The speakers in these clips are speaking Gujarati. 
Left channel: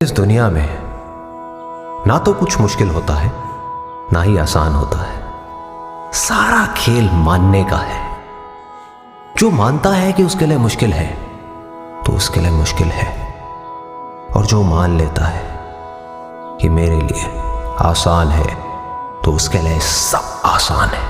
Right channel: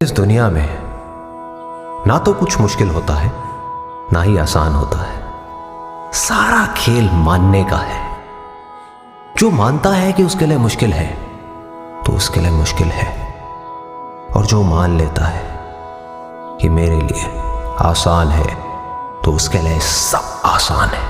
इस दुनिया में ना तो कुछ मुश्किल होता है ना ही आसान होता है। सारा खेल मानने का है। जो मानता है कि उसके लिए मुश्किल है तो उसके लिए मुश्किल है, और जो मान लेता है कि मेरे लिए आसान है तो उसके लिए सब आसान है।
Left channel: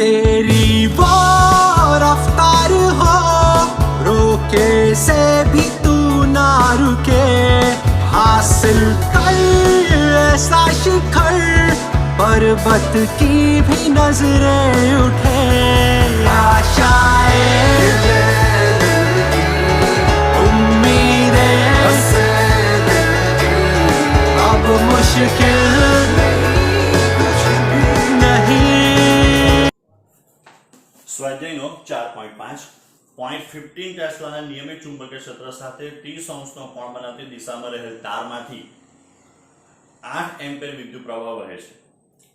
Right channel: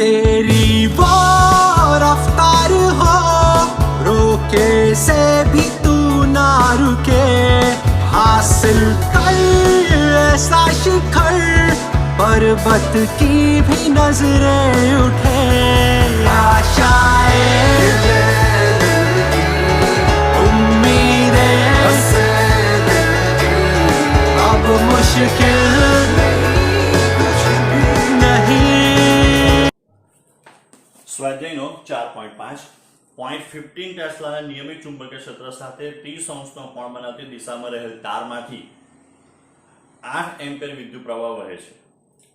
तेरी वो रफ्तार हो, रोके से भी तू ना रुके, हासिल कर ऐसा शिखर, पर्वत की भी नजरें उठे। आशाएं, उम्मीदें, अब मुश्किल સ્વાધ્યાયનો 4.5 0.15 ટેસ્લાના નિયમિત ચુંબકીય ક્ષેત્ર સાથે 30 અંશનો કોણ બનાવતી દિશામાં રહેલ તારમાંથી 8 એમ્પિયર વિદ્યુત પ્રવાહ વહે છે।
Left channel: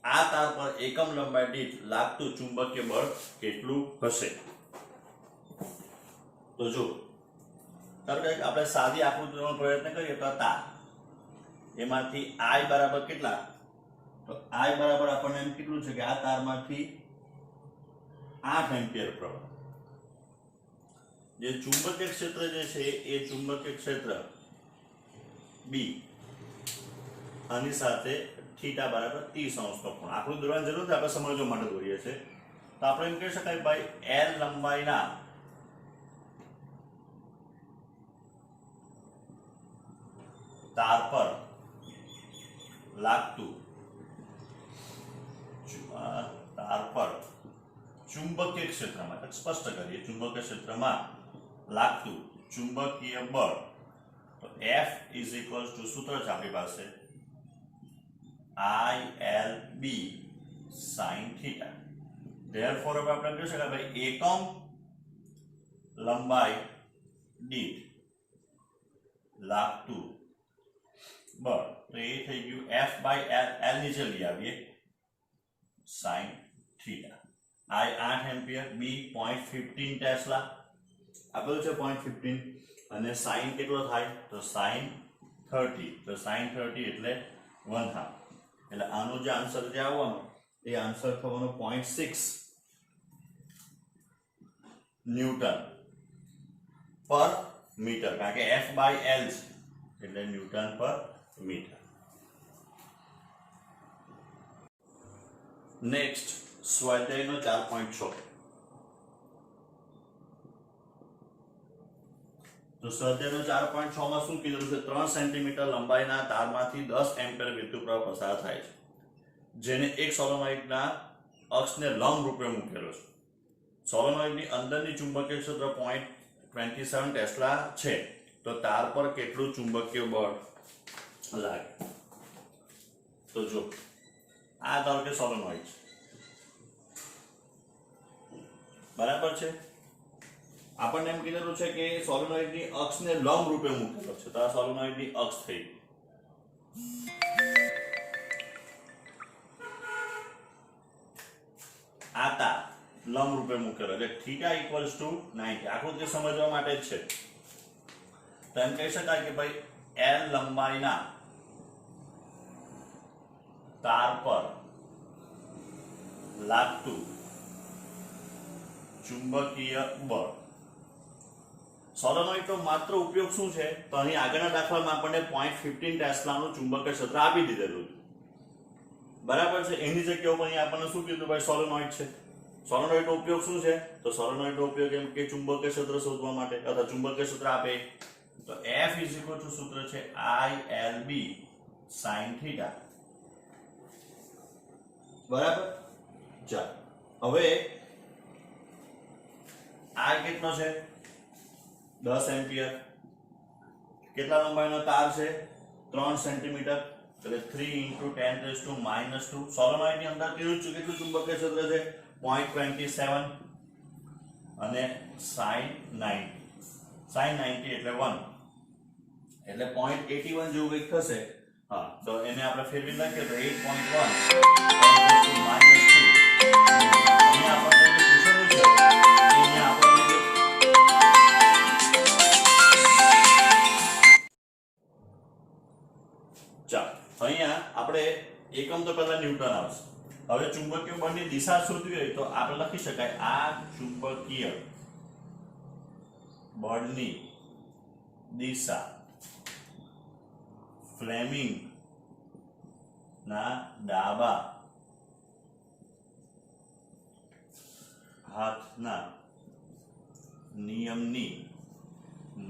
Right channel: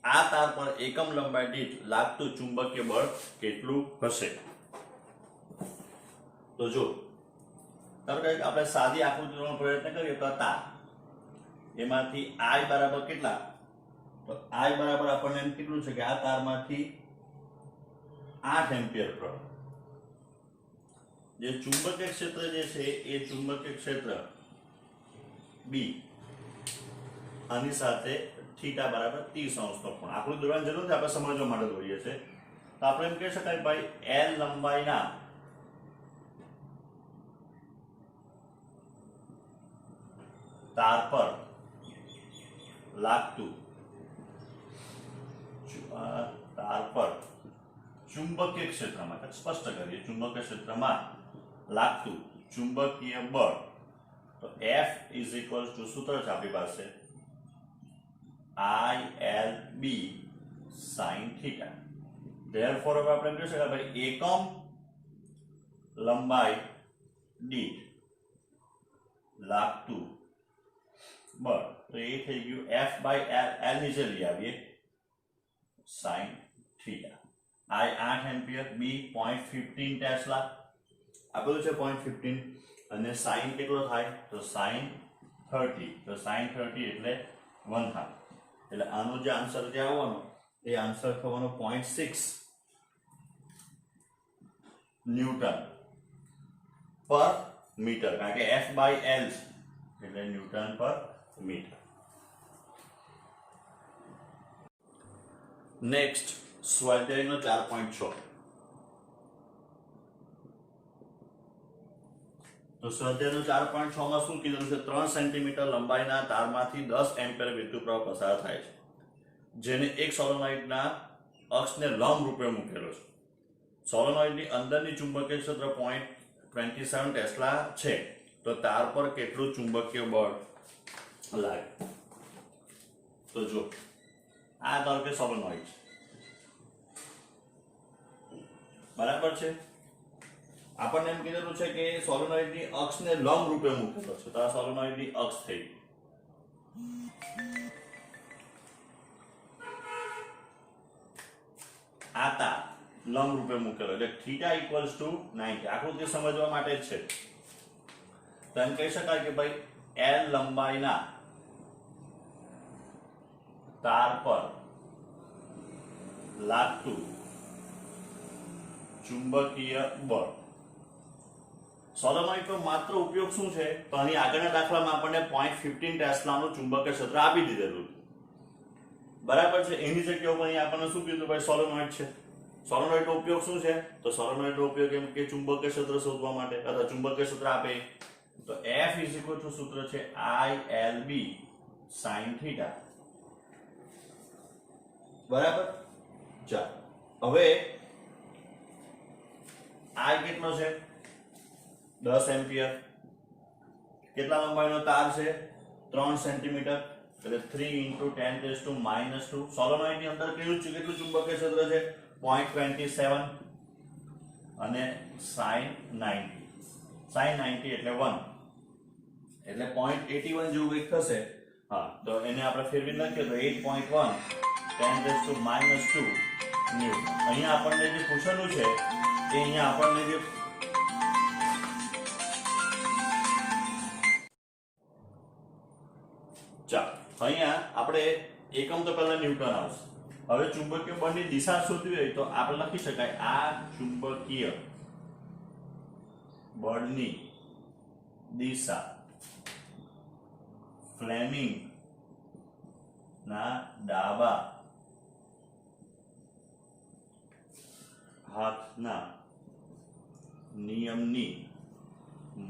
આ તાર પર એકમ લંબાઈ દીઠ લાગતું ચુંબકીય બળ કેટલું હશે? તો જો આપણે સાદી આકૃતિનો પ્રયત્ન કરીએ તો તાર એમાંથી I બરાબર કેટલા, તો I બરાબર આપણને એમ કીધું છે કે આ તારમાંથી 8 एम्पियर प्रवाह। જે ચુંબકીય ક્ષેત્ર જે છે એ ચુંબકીય ક્ષેત્ર B આની સાથે થીટા બરાબર 30 અંશનો કોણ। આકૃતિ દોરવાની જરૂર છે, આપણે સમજવા માટે દોરીએ છે। તો આપણે એમ કહી શકાય ભાઈ L લંબાઈના તાર પર લાગતું તાર પર चुंबकीय क्षेत्र में स्पष्ट करिए, चुंबकीय क्षेत्र में लागतु चुंबकीय बल, तो F इज इक्वल टू सूत्र है अपनी पास ILB sin थीटा। देयरफॉर अब આપણે કહી શકાય ભાઈ એકમ લંબાઈ દીઠ લાગતું બળ, તો એ થઈ ગયું F by L નીચે લઈ આવીએ sin theta. I 8 ampere, B 0.15 tesla, આ બધું છે 0.15, અને sin કેટલો થાય તો sin 30, તો sin 30 એટલે 1/2, એટલે આનો જે આન્સર જે આવવાનો એ આન્સર થવાનો 0.6 ન્યૂટન પર મીટર, કારણ કે F by L એટલે ન્યૂટન પર મીટર। નેક્સ્ટ સ્વાધ્યાયનો 4.6। તો સ્વાધ્યાયનો 4.6 માં શું કીધું છે? 3 સેન્ટીમીટર લંબાઈના તારમાંથી 10 એમ્પિયર વિદ્યુત પ્રવાહ પસાર થાય છે, જેને એક સોલેનોઇડના અક્ષને લંબ રૂપે મૂકેલો છે। સોલેનોઇડની અંદરની ચુંબકીય ક્ષેત્ર 0.27 ટેસ્લા છે, તો તાર પર કેટલું ચુંબકીય બળ લાગે? તો જો આ ધારો કે સોલેનોઇડ છે, બરાબર છે। આપણને એમ કીધેલું છે કે સોલેનોઇડની અક્ષને લંબ રૂપે મૂકેલો છે, તો આ સોલેનોઇડની અક્ષ થઈ। આ તાર લંબ રૂપે મૂકેલો એટલે થીટા ઇક્વલ્સ ટુ 90। આકૃતિ સમજવા માટે જ છે। તો એમ કહી શકાય કે ભાઈ L લંબાઈના તાર પર લાગતું ચુંબકીય બળ। સોલેનોઇડ તો માત્ર ઉપયોગ શું છે? તો અહીં આગળના દાખલામાં આપણને 0.15 ટેસ્લાનું ચુંબકીય ક્ષેત્ર આપી દીધેલું, બરાબર છે। એની જગ્યાએ અહીં આપણને શું કીધું ભાઈ સોલેનોઇડ છે। સોલેનોઇડનો ઉપયોગ શું છે? તો સોલેનોઇડનો ઉપયોગ એમ કે ચુંબકીય ક્ષેત્ર શોધવા માટે, અથવા ચુંબકીય ક્ષેત્ર આપે તો F ઇઝ ઇક્વલ ટુ સૂત્ર છે ILB sin थीटा, બરાબર। ચાલો હવે I કેટલો છે 10 એમ્પિયર. કેટલા લંબાઈનો તાર છે 3 સેન્ટીમીટર, એટલે 3 × 10⁻². સોલેનોઇડ ની અંદર કેટલું ચુંબકીય ક્ષેત્ર છે 0.27 અને sin 90 એટલે 1 એટલે 0.81 જેવું કંઈક થશે. હા, તો એને આપણે ફેરવી નાખીએ તો 8.1 10⁻². અહીંયા આપણને જે પૂછેલું છે એ અહીંયા આપણને જે ચાલો અહીંયા આપણે એકમ તો પહેલા ન્યૂટન આવશે. હવે ચુંબકીય બળની દિશા શોધવી હોય તો આપણે લખી શકાય આ ચુંબકીય બળની દિશા ફ્લેમિંગ ના ડાબા હાથના નિયમની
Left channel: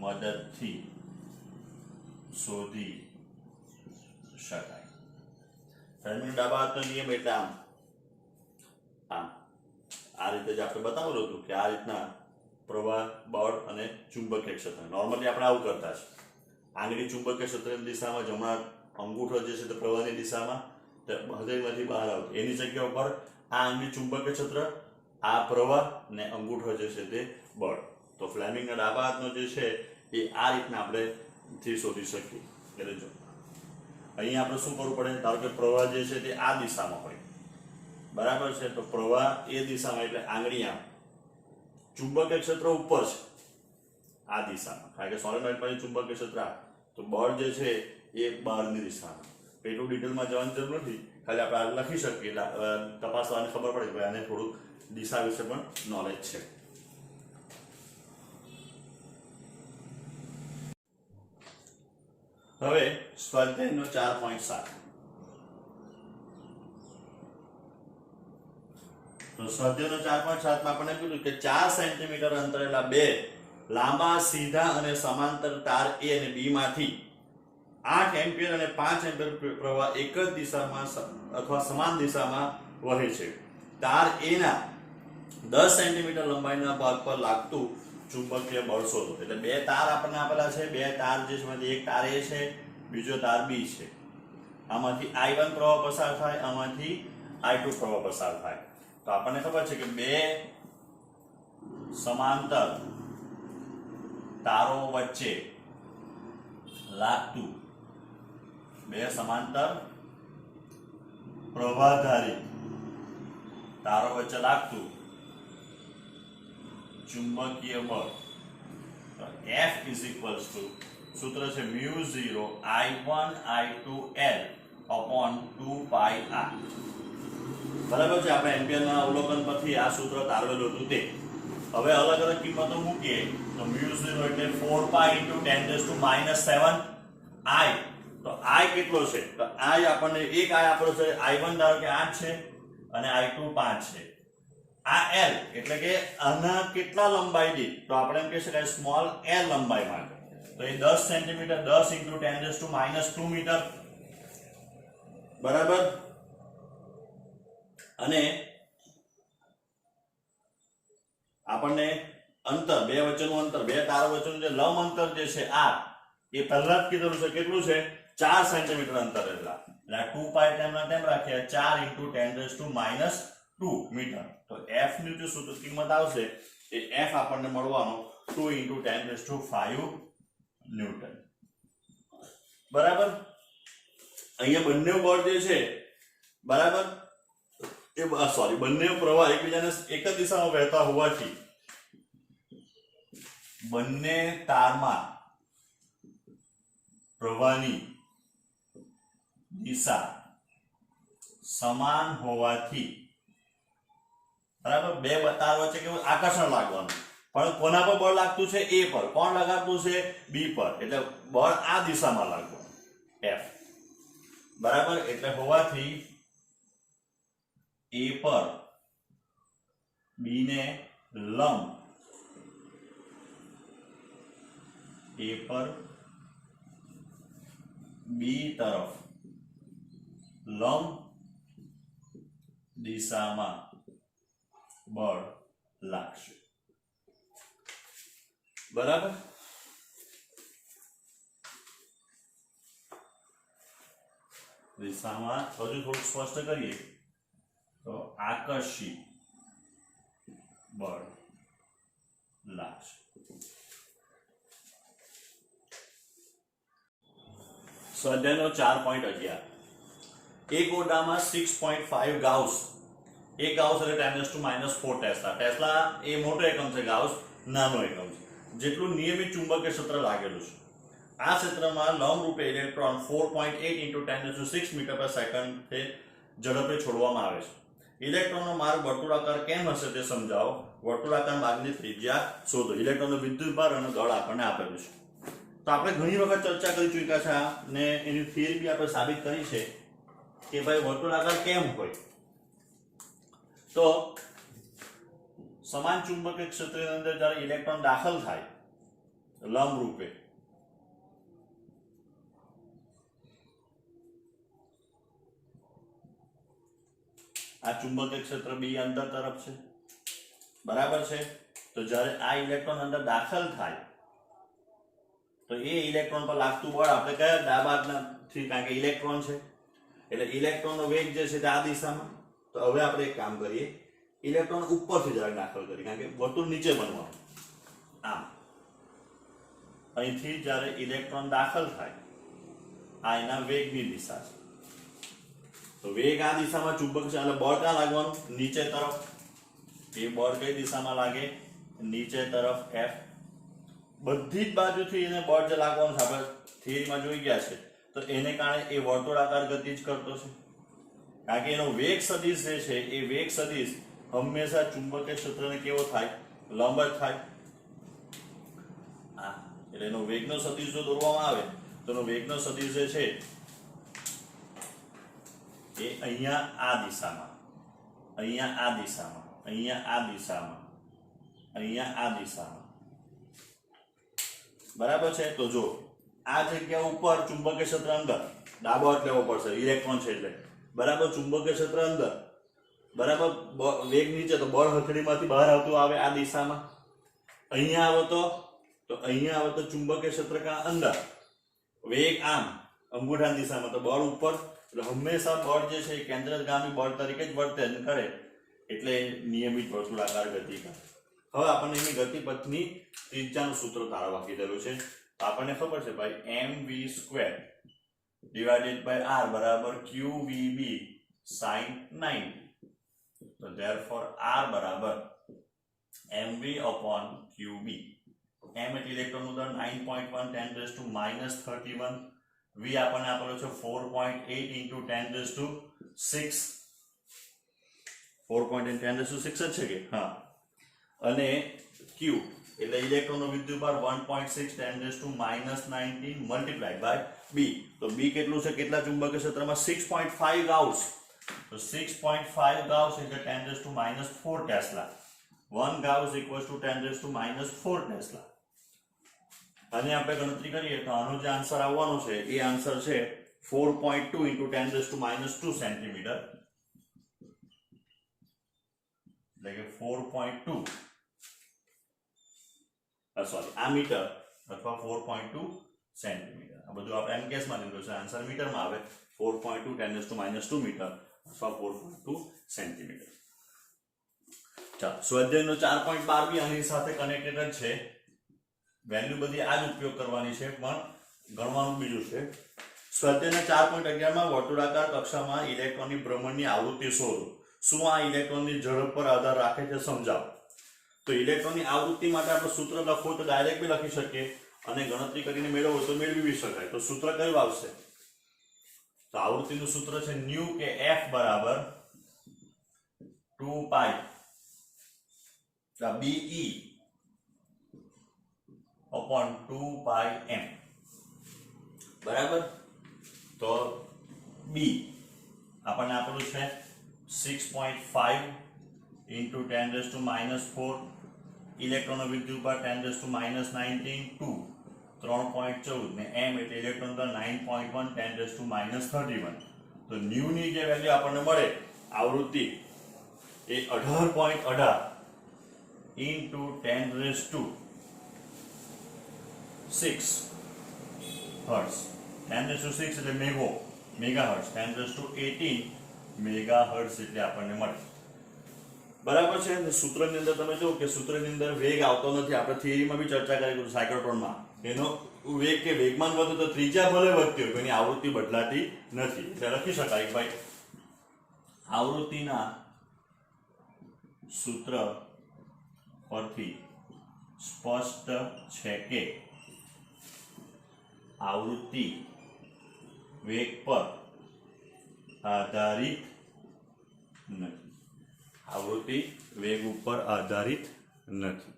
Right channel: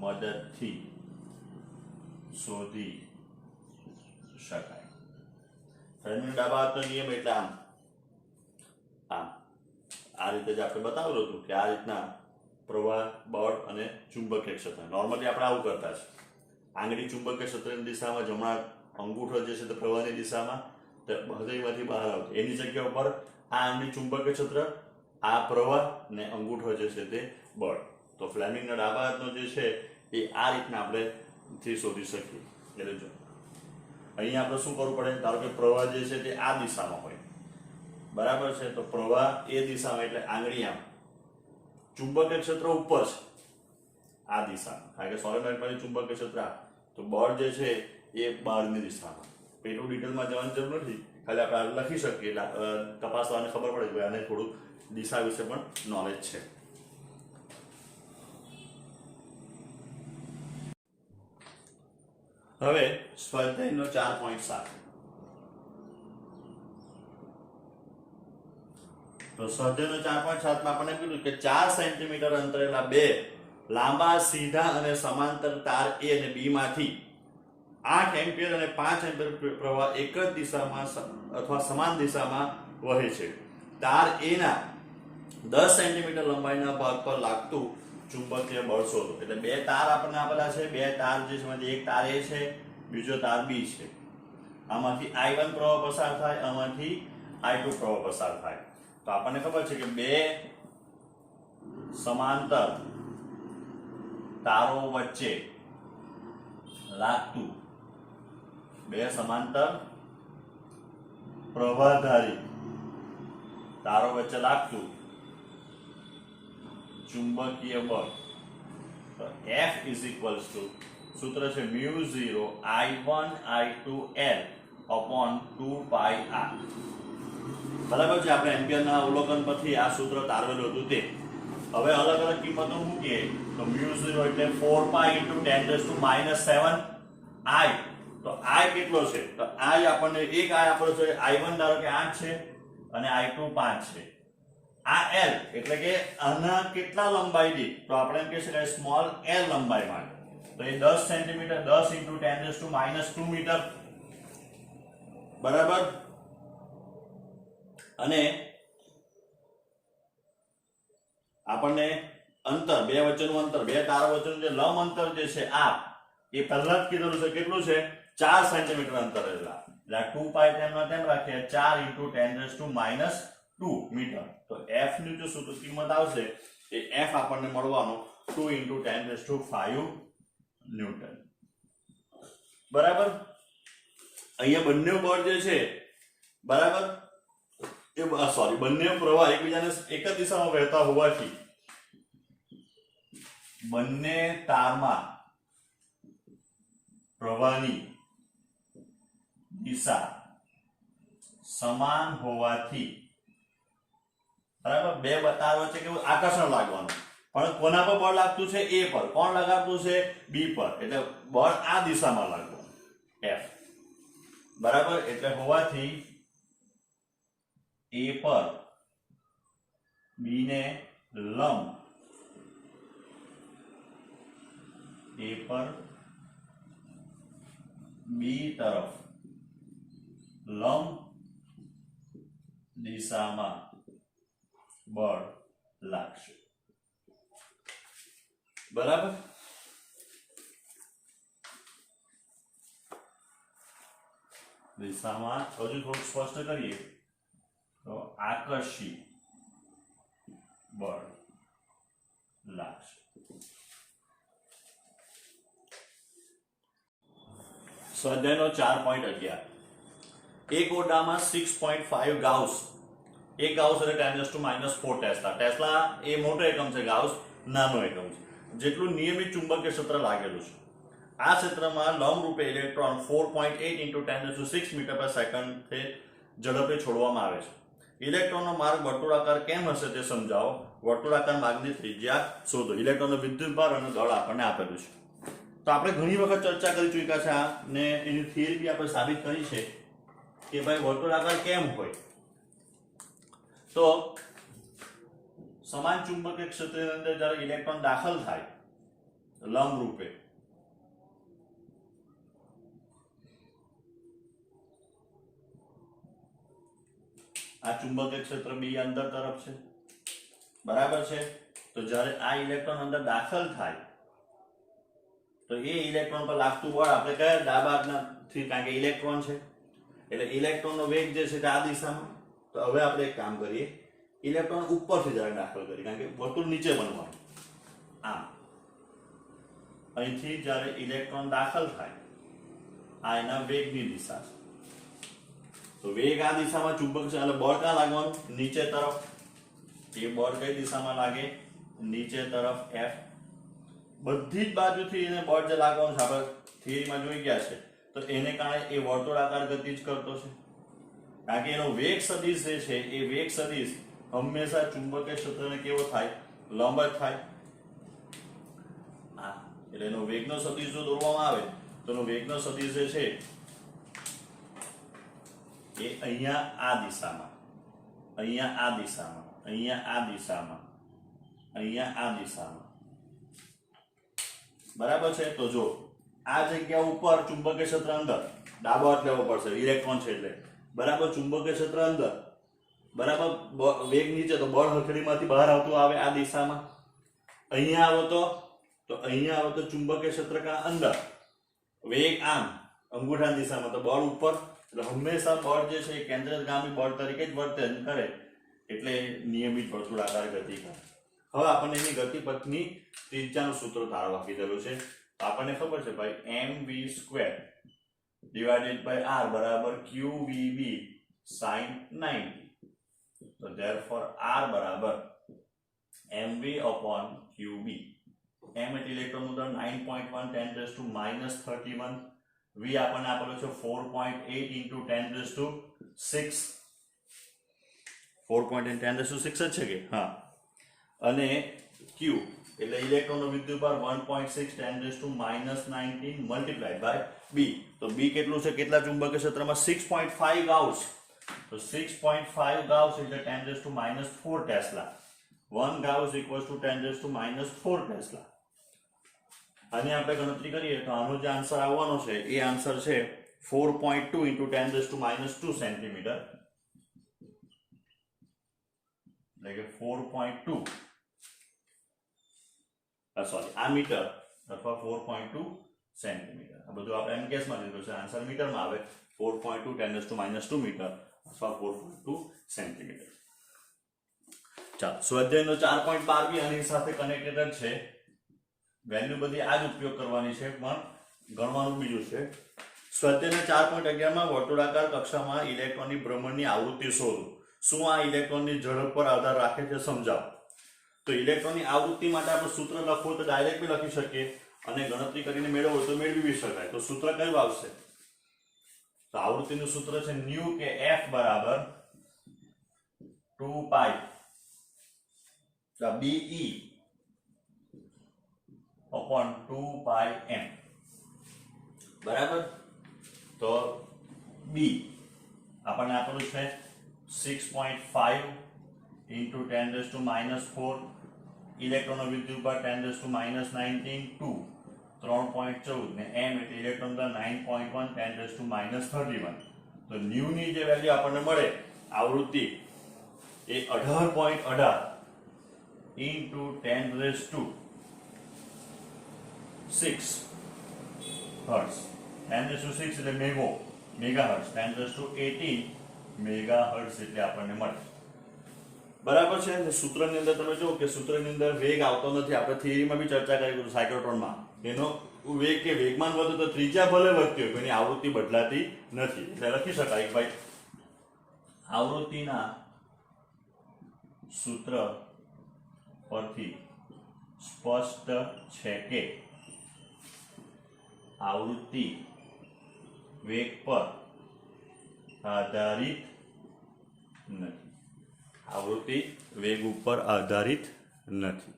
મદદથી શોધી શકાય. ફ્લેમિંગ ડાબા હાથનો નિયમ એટલે આમ આ રીતે જ આપણે બતાવેલું હતું કે આ રીતના પ્રવાહ, બળ અને ચુંબકીય ક્ષેત્ર. નોર્મલી આપણે આવું કરતા છે, આંગળી ચુંબકીય ક્ષેત્રની દિશામાં, જમણા અંગૂઠો જે છે તે પ્રવાહની દિશામાં, હૃદયમાંથી બહાર આવતું. એની જગ્યા ઉપર આ આંગળી ચુંબકીય ક્ષેત્ર, આ પ્રવાહ ને અંગૂઠો જે છે તે બળ. તો ફ્લેમિંગના ડાબા હાથનો જે છે એ આ રીતના આપણે થી શોધી શકીએ. એટલે જો અહીંયા આપણે શું કરવું પડે, ધારો કે પ્રવાહ જે છે તે આ દિશામાં હોય, બરાબર છે, તો પ્રવાહ એ દિશામાં એટલે આંગળી આમ, ચુંબકીય ક્ષેત્ર ઉપર છે આ દિશામાં, કારણ કે સોલેનોઇડ પાસે ચુંબકીય ક્ષેત્ર આ, તો બળ જે છે એ બહારની દિશામાં. એટલું ડિટેલમાં જવાની જરૂર નથી, ખાલી આપણે લખી શકીએ એટલે તપાસવાની ખબર પડે કે આને થોડુંક દિશા વિશે પણ નોલેજ છે. હવે સ્વાધ્યાયનો 4.7. તો સ્વાધ્યાયનો 4.7 માં આપણને કીધું કે 4 સેન્ટીમીટર અંતરેલા બે લાંબા સીધા અને સમાંતર તાર A અને B માંથી 8 એમ્પિયર અને 5 એમ્પિયર પ્રવાહ એક જ દિશામાં અથવા સમાન દિશામાં વહે છે. તાર A ના 10 સેન્ટીમીટર લંબાઈના ભાગ પર લાગતું ચુંબકીય બળ શોધો. એટલે બે તાર આપણને આપેલા છે, બે તાર જે છે એક તાર A છે, બીજો તાર B છે. આમાંથી I1 પ્રવાહ પસાર થાય, આમાંથી I2 પ્રવાહ પસાર થાય. તો આપણને ખબર છે કે બે સમાંતર તારો વચ્ચે લાગતું, બે સમાંતર પ્રવાહધારી તારો વચ્ચે લાગતું ચુંબકીય બળ, તો F = સૂત્ર છે μ0 I1 I2L / 2πr. બરાબર છે, આપણે એમ્પિયરના અવલોકન પરથી આ સૂત્ર તારવેલું હતું તે. હવે અલગ અલગ કિંમતો મૂકીએ તો μ0 એટલે 4π × 10⁻⁷ I. તો I કેટલો છે, તો I આપણને એક I આપણો છે I1 ધારો કે 8 છે અને I2 5 છે. આ L એટલે કે આના કેટલા લંબાઈ દીઠ, તો આપણે એમ કહી શકાય સ્મોલ L લંબાઈ માટે. તો એ 10 સેન્ટીમીટર 10 × 10⁻² મીટર, બરાબર. અને આપણને અંતર, બે વચ્ચેનું અંતર, બે તારો વચ્ચેનું જે લંબ અંતર જે છે આ એ પહેલા જ કીધેલું છે કેટલું છે 4 સેન્ટીમીટર અંતર. એટલે 2π તેમના તેમ રાખ્યા 4 × 10⁻² મીટર. તો F ની જે સૂત્ર કિંમત આવશે એ F આપણને મળવાનો 2 × 10⁵ ન્યૂટન. બરાબર. અહીંયા બંને બળ જે છે, બરાબર, એ બંને પ્રવાહ એકબીજાને એક જ દિશામાં વહેતા હોવાથી બંને તારમાં પ્રવાહની દિશા સમાન હોવાથી, બરાબર, બે તાર વચ્ચે કેવું આકર્ષણ લાગવાનું, પણ કોના પર બળ લાગતું છે A પર, કોણ લગાડતું છે B પર, એટલે બળ આ દિશામાં લાગવાનું F, બરાબર. એટલે હોવાથી A પર B ને લંબ, A પર B તરફ લંબ દિશામાં બળ લાગશે. બરાબર. દિશામાં હજુ થોડુંક સ્પષ્ટ કરીએ તો આકર્ષી બળ લાગશે. સ્વાધ્યાયનો 4.11 એક ઓરડામાં 6.5 ગાઉસ, એક ગાઉસ એટલે 10⁻⁴ ટેસ્લા. ટેસ્લા એ મોટો એકમ છે, ગાઉસ નાનો એકમ છે. જેટલું નિયમિત ચુંબકીય ક્ષેત્ર લાગેલું છે. આ ક્ષેત્રમાં લંબરૂપે ઇલેક્ટ્રોન 4.8 × 10⁶ મીટર પર સેકન્ડથી ઝડપે છોડવામાં આવે છે. ઇલેક્ટ્રોનનો માર્ગ વર્તુળાકાર કેમ હશે તે સમજાવો. વર્તુળાકાર માર્ગની ત્રિજ્યા શોધો. ઇલેક્ટ્રોનનો વિદ્યુતભાર અને દળ આપણને આપેલું છે. તો આપણે ઘણી વખત ચર્ચા કરી ચૂક્યા છે અને એની થિયરી બી આપણે સાબિત કરી છે કે ભાઈ વર્તુળાકાર કેમ હોય. તો સમાન ચુંબકીય ક્ષેત્રની અંદર જ્યારે ઇલેક્ટ્રોન દાખલ થાય લંબ રૂપે, આ ચુંબકીય ક્ષેત્ર બી અંદર તરફ છે, બરાબર છે. તો જ્યારે આ ઇલેક્ટ્રોન અંદર દાખલ થાય તો એ ઇલેક્ટ્રોન પર લાગતું બળ આપણે કયા ડાબા હાથનાથી, કારણ કે ઇલેક્ટ્રોન છે એટલે ઇલેક્ટ્રોનનો વેગ જે છે તે આ દિશામાં. તો હવે આપણે એક કામ કરીએ, ઇલેક્ટ્રોન ઉપરથી જરાક દાખલ કરીએ, કારણ કે વર્તુળ નીચે બનવાનું. આમ અહીંથી જ્યારે ઇલેક્ટ્રોન દાખલ થાય આ એના વેગની દિશા છે. તો વેગ આ દિશામાં ચુંબક છે એટલે બળ ક્યાં લાગવાનું? નીચે તરફ. એ બળ કઈ દિશામાં લાગે? નીચે તરફ F. બધી જ બાજુથી એને બળ જે લાગવાનું છે આપણે થિયરીમાં જોઈ ગયા છે. તો એને કારણે એ વર્તુળાકાર ગતિ જ કરતો છે, કારણ કે એનો વેગ સદિશ જે છે એ વેગ સદિશ હંમેશા ચુંબકીય ક્ષેત્રને કેવો થાય? લંબ જ થાય. હા, એટલે એનો વેગનો સદિશ જો દોરવામાં આવે તો એનો વેગનો સદિશ જે છે એ અહીંયા આ દિશામાં, અહીંયા આ દિશામાં, અહીંયા આ દિશામાં, અહીંયા આ દિશામાં, બરાબર છે. તો જો આ જગ્યા ઉપર ચુંબકીય ક્ષેત્ર અંદર ડાબો હાથ લેવો પડશે, ઇલેક્ટ્રોન છે એટલે, બરાબર. ચુંબકીય ક્ષેત્ર અંદર, બરાબર. વેગ નીચે તો બળ હથેળીમાંથી બહાર આવતું આવે આ દિશામાં. અહીંયા આવો તો અહીંયા આવો તો ચુંબકીય ક્ષેત્ર કા અંદર, વેગ આમ અંગૂઠાની દિશામાં, તો બળ ઉપર. એટલે હંમેશા બળ જે છે એ કેન્દ્રગામી બળ તરીકે જ વર્તન કરે, એટલે નિયમિત વર્તુળાકાર ગતિ કરે. હવે આપણને એની ગતિપથની ત્રિજ્યાનું સૂત્ર તારવા કીધેલું છે. તો આપણને ખબર છે ભાઈ mv² / r બરાબર qvb sin 90. તો therefore r બરાબર mv/qb. m એટલે ઇલેક્ટ્રોનનું દળ 9.1 10⁻31. v આપણને આપેલો છે 4.8 × 10⁶. 4.8 10⁶ જ છે કે? હા. અને q એટલે ઇલેક્ટ્રોનનો વિદ્યુતભાર 1.6 10⁻19 મલ્ટીપ્લાઈડ બાય b. તો b કેટલું છે? કેટલા ચુંબકીય ક્ષેત્રમાં? 6.5 ગાઉસ. તો 6.5 ગાઉસ એટલે 10⁻⁴ ટેસ્લા. 1 Gauss = 10⁻⁴ tesla. અને આપણે ગણતરી કરીએ તો આનો જે આન્સર આવવાનો છે એ આન્સર છે 4.2 × 10⁻² સેન્ટીમીટર. એટલે કે 4.2 આ મીટર અથવા 4.2 સેન્ટીમીટર. આ બધું આપણે એમ કેસમાં લીધું છે, આન્સર મીટરમાં આવે 4.2 10⁻² મીટર અથવા 4.2 સેન્ટીમીટર. ચાલો, સ્વાધ્યાયનો 4.12 બી આની સાથે કનેક્ટેડ છે. વેલ્યુ બધી આ જ ઉપયોગ કરવાની છે, પણ ગણવાનું બીજું છે. સ્વાધ્યાયના 4.11 માં વર્તુળાકાર કક્ષામાં ઇલેક્ટ્રોનની ભ્રમણની આવૃત્તિ શોધો. શું આ ઇલેક્ટ્રોનની ઝડપ પર આધાર રાખે છે? સમજાવો. તો ઇલેક્ટ્રોનની આવૃત્તિ માટે આપણે સૂત્ર લખવું તો ડાયરેક્ટ બી લખી શકીએ અને ગણતરી કરીને મેળવવું તો મેળવી બી શકાય. તો સૂત્ર કયું આવશે? તો આવૃત્તિનું સૂત્ર છે ન્યુ કે F બરાબર 2π BE/2πm. બરાબર. તો B આપણને આપેલું છે 6.5 × 10⁻⁴. ઇલેક્ટ્રોનનો વિદ્યુતભાર 10⁻19 2 3.14 ને m એટલે ઇલેક્ટ્રોન દળ 9.1 10⁻31. તો ન્યુ ની જે વેલ્યુ આપણને મળે આવૃત્તિ એ 18.18 × 10⁻⁴ 6 હર્ટ્ઝ, 10⁶ એટલે મેગા હર્ટ્ઝ, 10⁸ મેગા હર્ટ્ઝ એટલે આપણને મળે. બરાબર છે. સૂત્રની અંદર તમે જુઓ કે સૂત્રની અંદર વેગ આવતો નથી. આપણે થિયરીમાં બી ચર્ચા કરી સાયક્લોટ્રોનમાં, એનો વેગ કે વેગમાન વધે તો ત્રિજ્યા ભલે વધતી હોય, એની આવૃત્તિ બદલાતી નથી. એટલે લખી શકાય ભાઈ આવૃત્તિના સૂત્ર પરથી સ્પષ્ટ છે કે આવૃત્તિ વેગ પર આધારિત નથી. આવૃત્તિ વેગ ઉપર આધારિત નથી.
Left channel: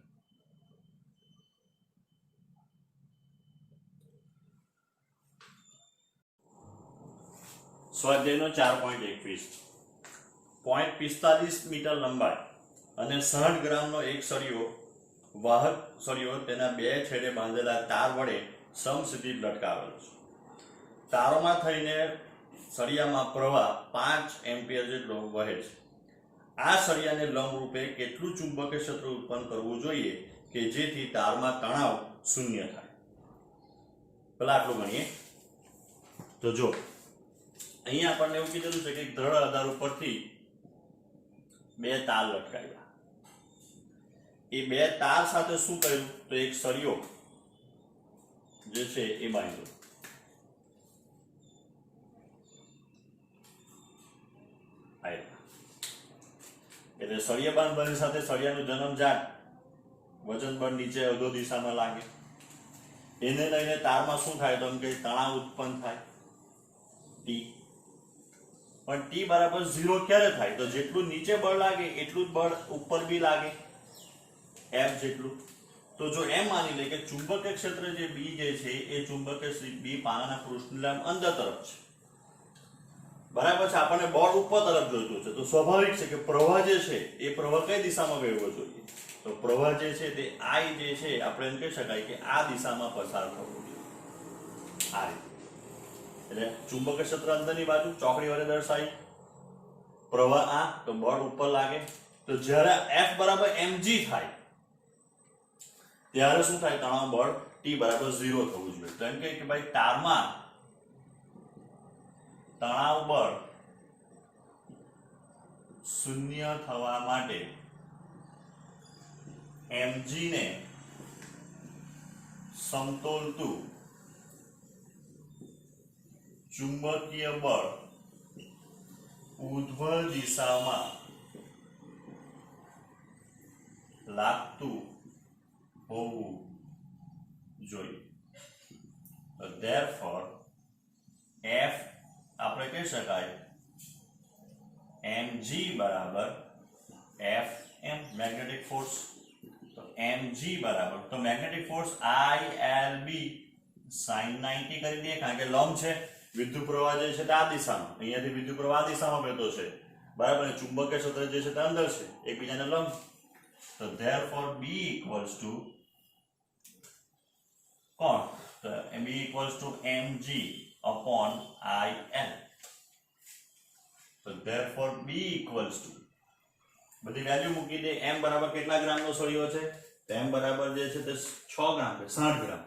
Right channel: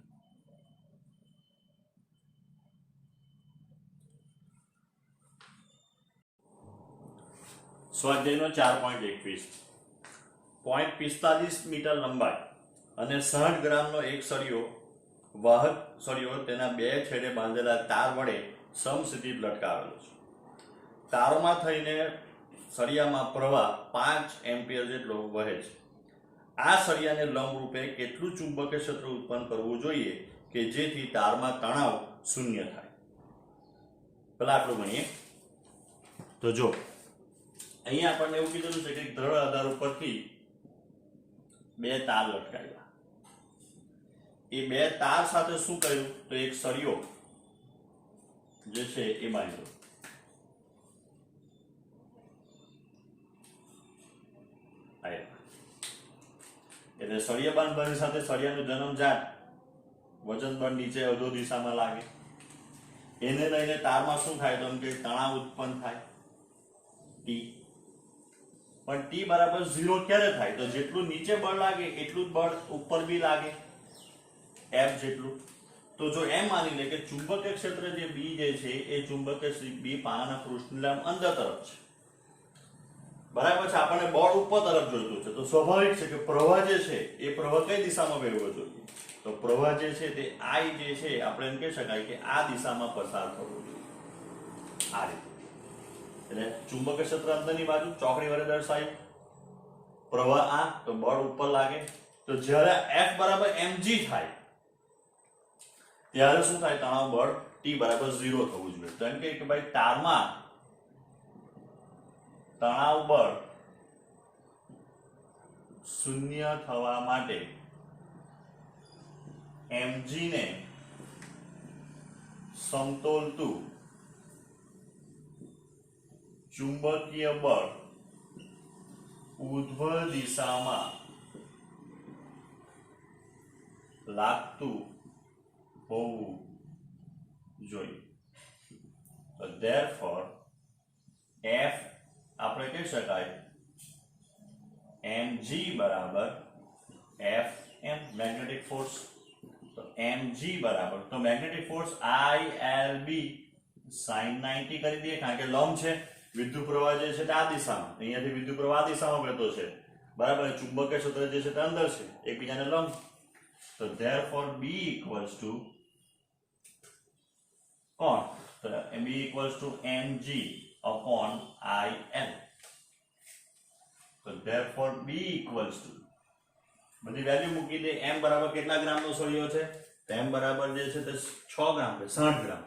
સ્વાધ્યાયનો 4.21 0.45 મીટર લંબાઈ અને 60 ગ્રામનો એક સળિયો વાહક સળિયો તેના બે છેડે બાંધેલા તાર વડે સમસ્થિત લટકાવેલો છે. તારોમાં થઈને સળિયામાં પ્રવાહ 5 એમ્પિયર જેટલો વહે છે. આ સળિયાને લંબરૂપે કેટલું ચુંબકીય ક્ષેત્ર ઉત્પન્ન કરવું જોઈએ કે જેથી તારમાં તણાવ શૂન્ય થાય? પેલા આટલું ગણીએ તો જો અહીંયા આપણને એવું કીધેલું છે કે એક દ્રઢ આધાર ઉપરથી બે તાર લટકાવ્યા. એ બે તાર સાથે શું કર્યું તો એક સળિયો જે છે એ બાંધ્યો. એટલે સળિયા બાંધવાની સાથે સળિયાનું જન્મજાત વજન બળ નીચે અધો દિશામાં લાગે. એને લઈને તારમાં શું થાય તો કે તણાવ ઉત્પન્ન થાય ટી. પણ ટી બરાબર 0 ક્યારે થાય તો જેટલું નીચે બળ લાગે એટલું જ બળ ઉપર બી લાગે, F જેટલું. તો જો એમ માની લે કે ચુંબકીય ક્ષેત્ર જે બી જે છે એ ચુંબકીય બી પાનાના પૃષ્ઠની અંદર તરફ છે. બરાબર છે. આપણને બળ ઉપર તરફ જોઈતું છે તો સ્વાભાવિક છે કે પ્રવાહ જે છે એ પ્રવાહ કઈ દિશામાં વહેવો જોઈએ તો પ્રવાહ જે છે તે I જે છે આપણે એમ કહી શકાય કે આ દિશામાં પસાર થવો જોઈએ. આ રીતે એટલે ચુંબકીય ક્ષેત્ર અંદરની બાજુ ચોકડી વડે દર્શાવી, પ્રવાહ આ તો બળ ઉપર લાગે. તો જ્યારે F બરાબર mg થાય ત્યારે શું થાય તણાવ બળ T બરાબર 0 થવું જોઈએ. તો એમ કે ભાઈ તારમાં તણાવ બળ શૂન્ય થવા માટે mg ને સમતોલતું ચુંબકીય બળ ઉર્ધ્વ દિશામાં લાગતું હોવું જોઈએ. તો therefore F આપણે કહી શકાય mg બરાબર Fm મેગ્નેટિક ફોર્સ. તો mg બરાબર તો મેગ્નેટિક ફોર્સ ILB sin 90 કરી દઈએ કારણ કે લંબ છે. વિદ્યુત પ્રવાહ જે છે તે આ દિશામાં, અહીંયાથી વિદ્યુત પ્રવાહ આ દિશામાં વહેતો છે બરાબર. ચુંબકીય ક્ષેત્ર જે છે તે અંદર છે, એકબીજાને લંબ. તો therefore B equals to કોણ તો B equals to mg upon IL. તો therefore B equals to બધી વેલ્યુ મૂકી દે. m બરાબર કેટલા ગ્રામનો સળિયો છે તો m બરાબર જે છે તે 6 ગ્રામ છે, 60 ગ્રામ.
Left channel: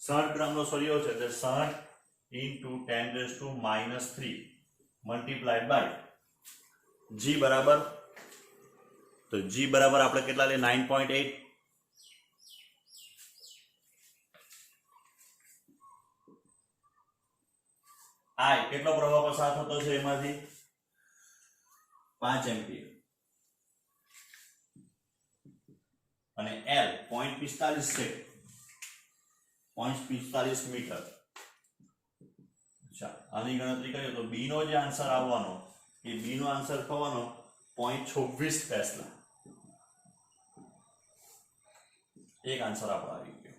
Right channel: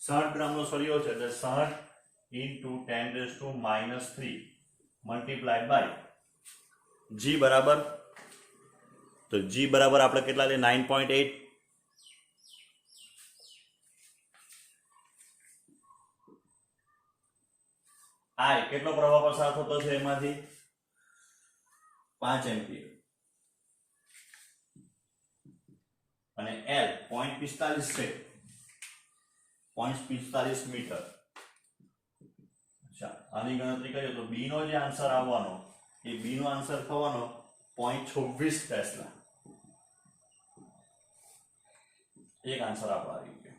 60 ગ્રામનો સળિયો છે એટલે 60 into 10⁻³ multiplied by g બરાબર તો g બરાબર આપણે કેટલા લે 9.8. I કેટલો પ્રવાહ પસાર થતો છે એમાંથી 5 એમ્પિયર અને L 0.45 છે, 0.45 મીટર. આની ગણતરી કરીએ તો બી નો જે આન્સર આવવાનો એ બી નો આન્સર થવાનો 0.26 ટેસ્લા. એક આન્સર આપણો આવી ગયો.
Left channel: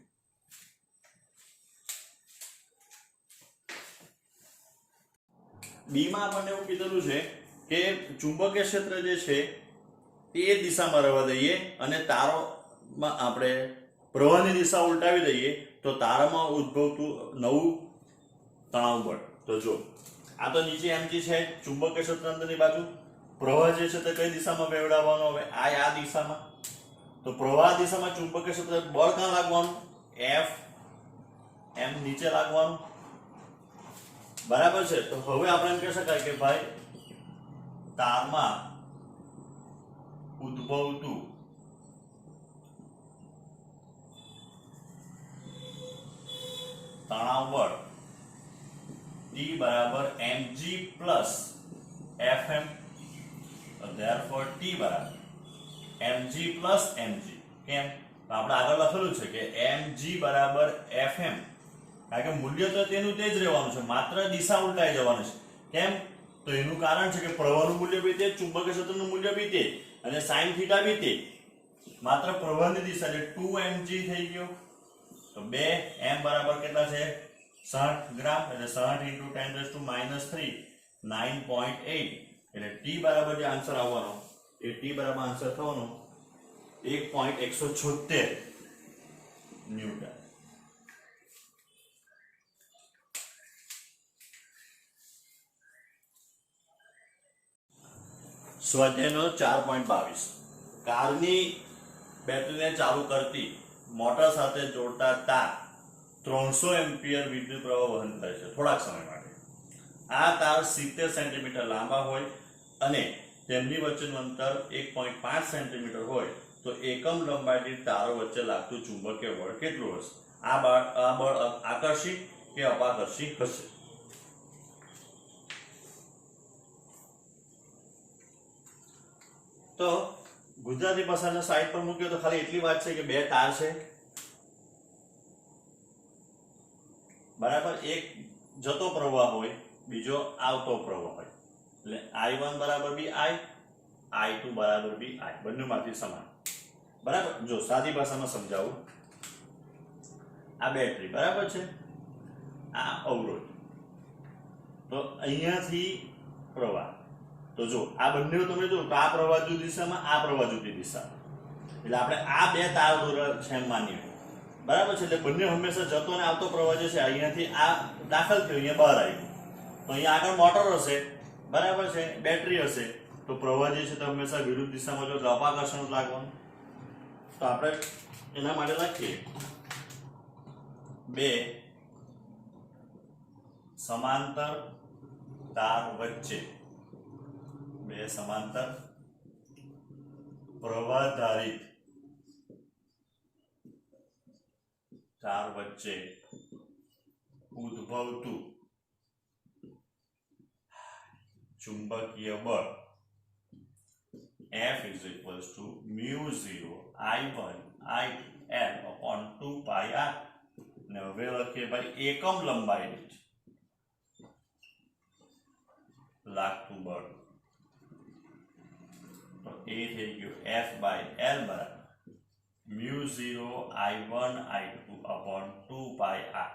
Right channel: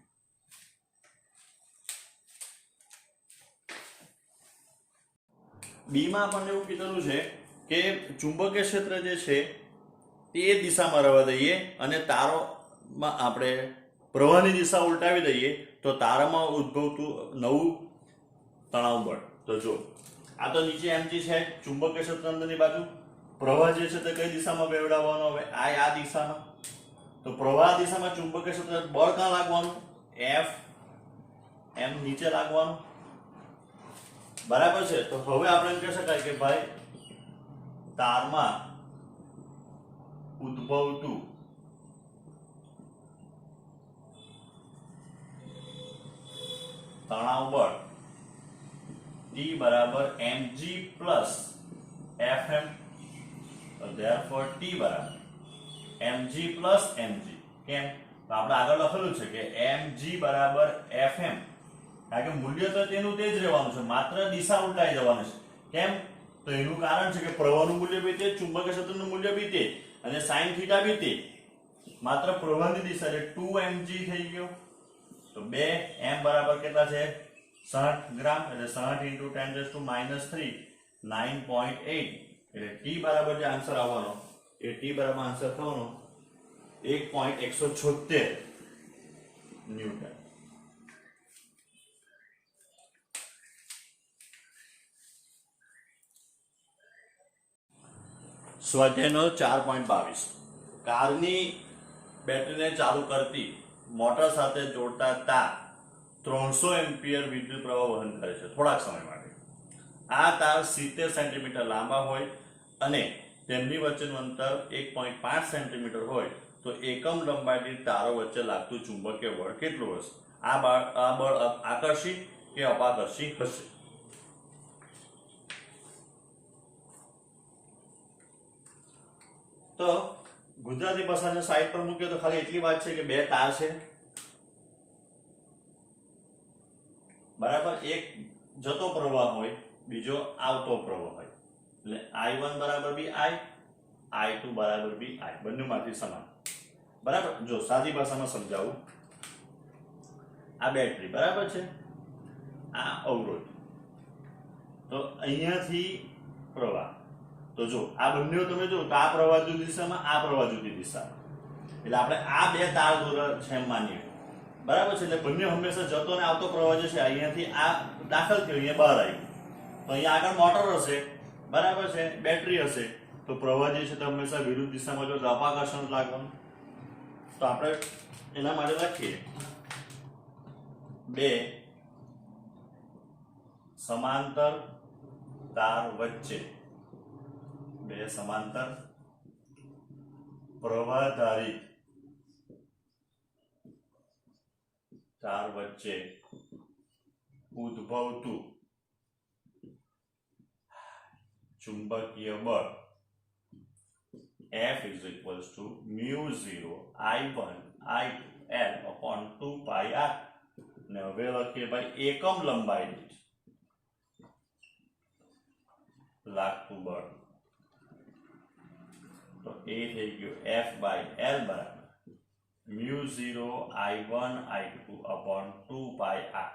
બી માં આપણને એવું કીધેલું છે કે ચુંબકીય ક્ષેત્ર જે છે તે દિશામાં રહેવા દઈએ અને તારોમાં આપણે પ્રવાહની દિશા ઉલટાવી દઈએ તો તારામાં ઉદ્ભવતું નવું તણાવ બળ. તો જો આ તો નીચે mg છે, ચુંબકીય ક્ષેત્ર અંદરની બાજુ, પ્રવાહ જે છે તે કઈ દિશામાં વહેવડાવવાનો હવે આ દિશામાં. તો પ્રવાહ દિશામાં ચુંબકીય ક્ષેત્ર બળ ક્યાં લાગવાનું F એમ નીચે લાગવાનું, બરાબર છે. તો હવે આપણે એમ કહી શકાય કે ભાઈ તારમાં ઉદ્ભવતું તણાવ બળ T બરાબર mg plus fm, therefore T બરાબર mg પ્લસ mg. કેમ? તો આપણે આગળ લખેલું છે કે mg બરાબર fm, કારણ કે મૂલ્ય તો તેનું તે જ રહેવાનું છે, માત્ર દિશા ઉલટાઈ જવાની છે. કેમ? તો એનું કારણ છે કે પ્રવાહનું મૂલ્ય બી તે, ચુંબકીય ક્ષેત્રનું મૂલ્ય બી તે, અને sin થીટા બી તે, માત્ર પ્રવાહની દિશા એટલે 2mg થઈ ગયો. તો 2 m બરાબર કેટલા છે? 60 ગ્રામ, એટલે 60 × 10⁻³ 9.8, એટલે T બરાબર જે આન્સર આવવાનો એ T બરાબર આન્સર થવાનો 1.176 ન્યૂટન. સ્વાધ્યાયનો 4.22 કારની બેટરીને ચાલુ કરતી મોટર સાથે જોડતા તાર 300 એમ્પિયર વિદ્યુત પ્રવાહ વહન કરે છે થોડાક સમય માટે. આ તાર 70 સેન્ટીમીટર લાંબા હોય અને તેમની વચ્ચેનું અંતર 1.5 સેન્ટીમીટર હોય તો એકમ લંબાઈ દીઠ તારો વચ્ચે લાગતું ચુંબકીય બળ કેટલું હશે? આ બળ આકર્ષી કે અપાકર્ષી હશે? તો ગુજરાતી ભાષાના સાઈડ પર મૂક્યો તો ખાલી એટલી વાત છે કે બે તાર છે, બરાબર. એક જતો પ્રવાહ હોય, બીજો આવતો પ્રવાહ હોય, એટલે I1 બરાબર બી I, I2 બરાબર બી I, બંનેમાંથી સમાન, બરાબર. જો સાદી ભાષામાં સમજાવું, આ બેટરી બરાબર છે, આ અવરોધ, તો અહીંયાથી પ્રવાહ, તો જો આ બંને તમે જો તો આ પ્રવાહ જુદી દિશામાં, આ પ્રવાહ જુદી દિશામાં, એટલે આપણે આ બે તાર દોરા છે એમ માનીએ, બરાબર છે. એટલે બંને હંમેશા જતો અને આવતો પ્રવાહ જે છે અહીંયાથી આ દાખલ થયો, અહીંયા બહાર આવ્યું, તો અહીંયા આગળ મોટર હશે, બરાબર છે, બેટરી હશે, તો પ્રવાહ જે છે તો હંમેશા વિરુદ્ધ દિશામાં જો અપાકર્ષણ લાગવાનું. તો આપણે એના માટે લખીએ બે સમાંતર તાર વચ્ચે, બે સમાંતર પ્રવાહધારિત તાર વચ્ચે ઉદ્ભવતું ચુંબકીય બળ F = μ0 I1 I2L/2πr. ને હવે લખીએ ભાઈ એકમ લંબાઈ દીઠ લાગતું બળ, તો એ થઈ ગયું F/L બરાબર μ0 I1 I2/2πr.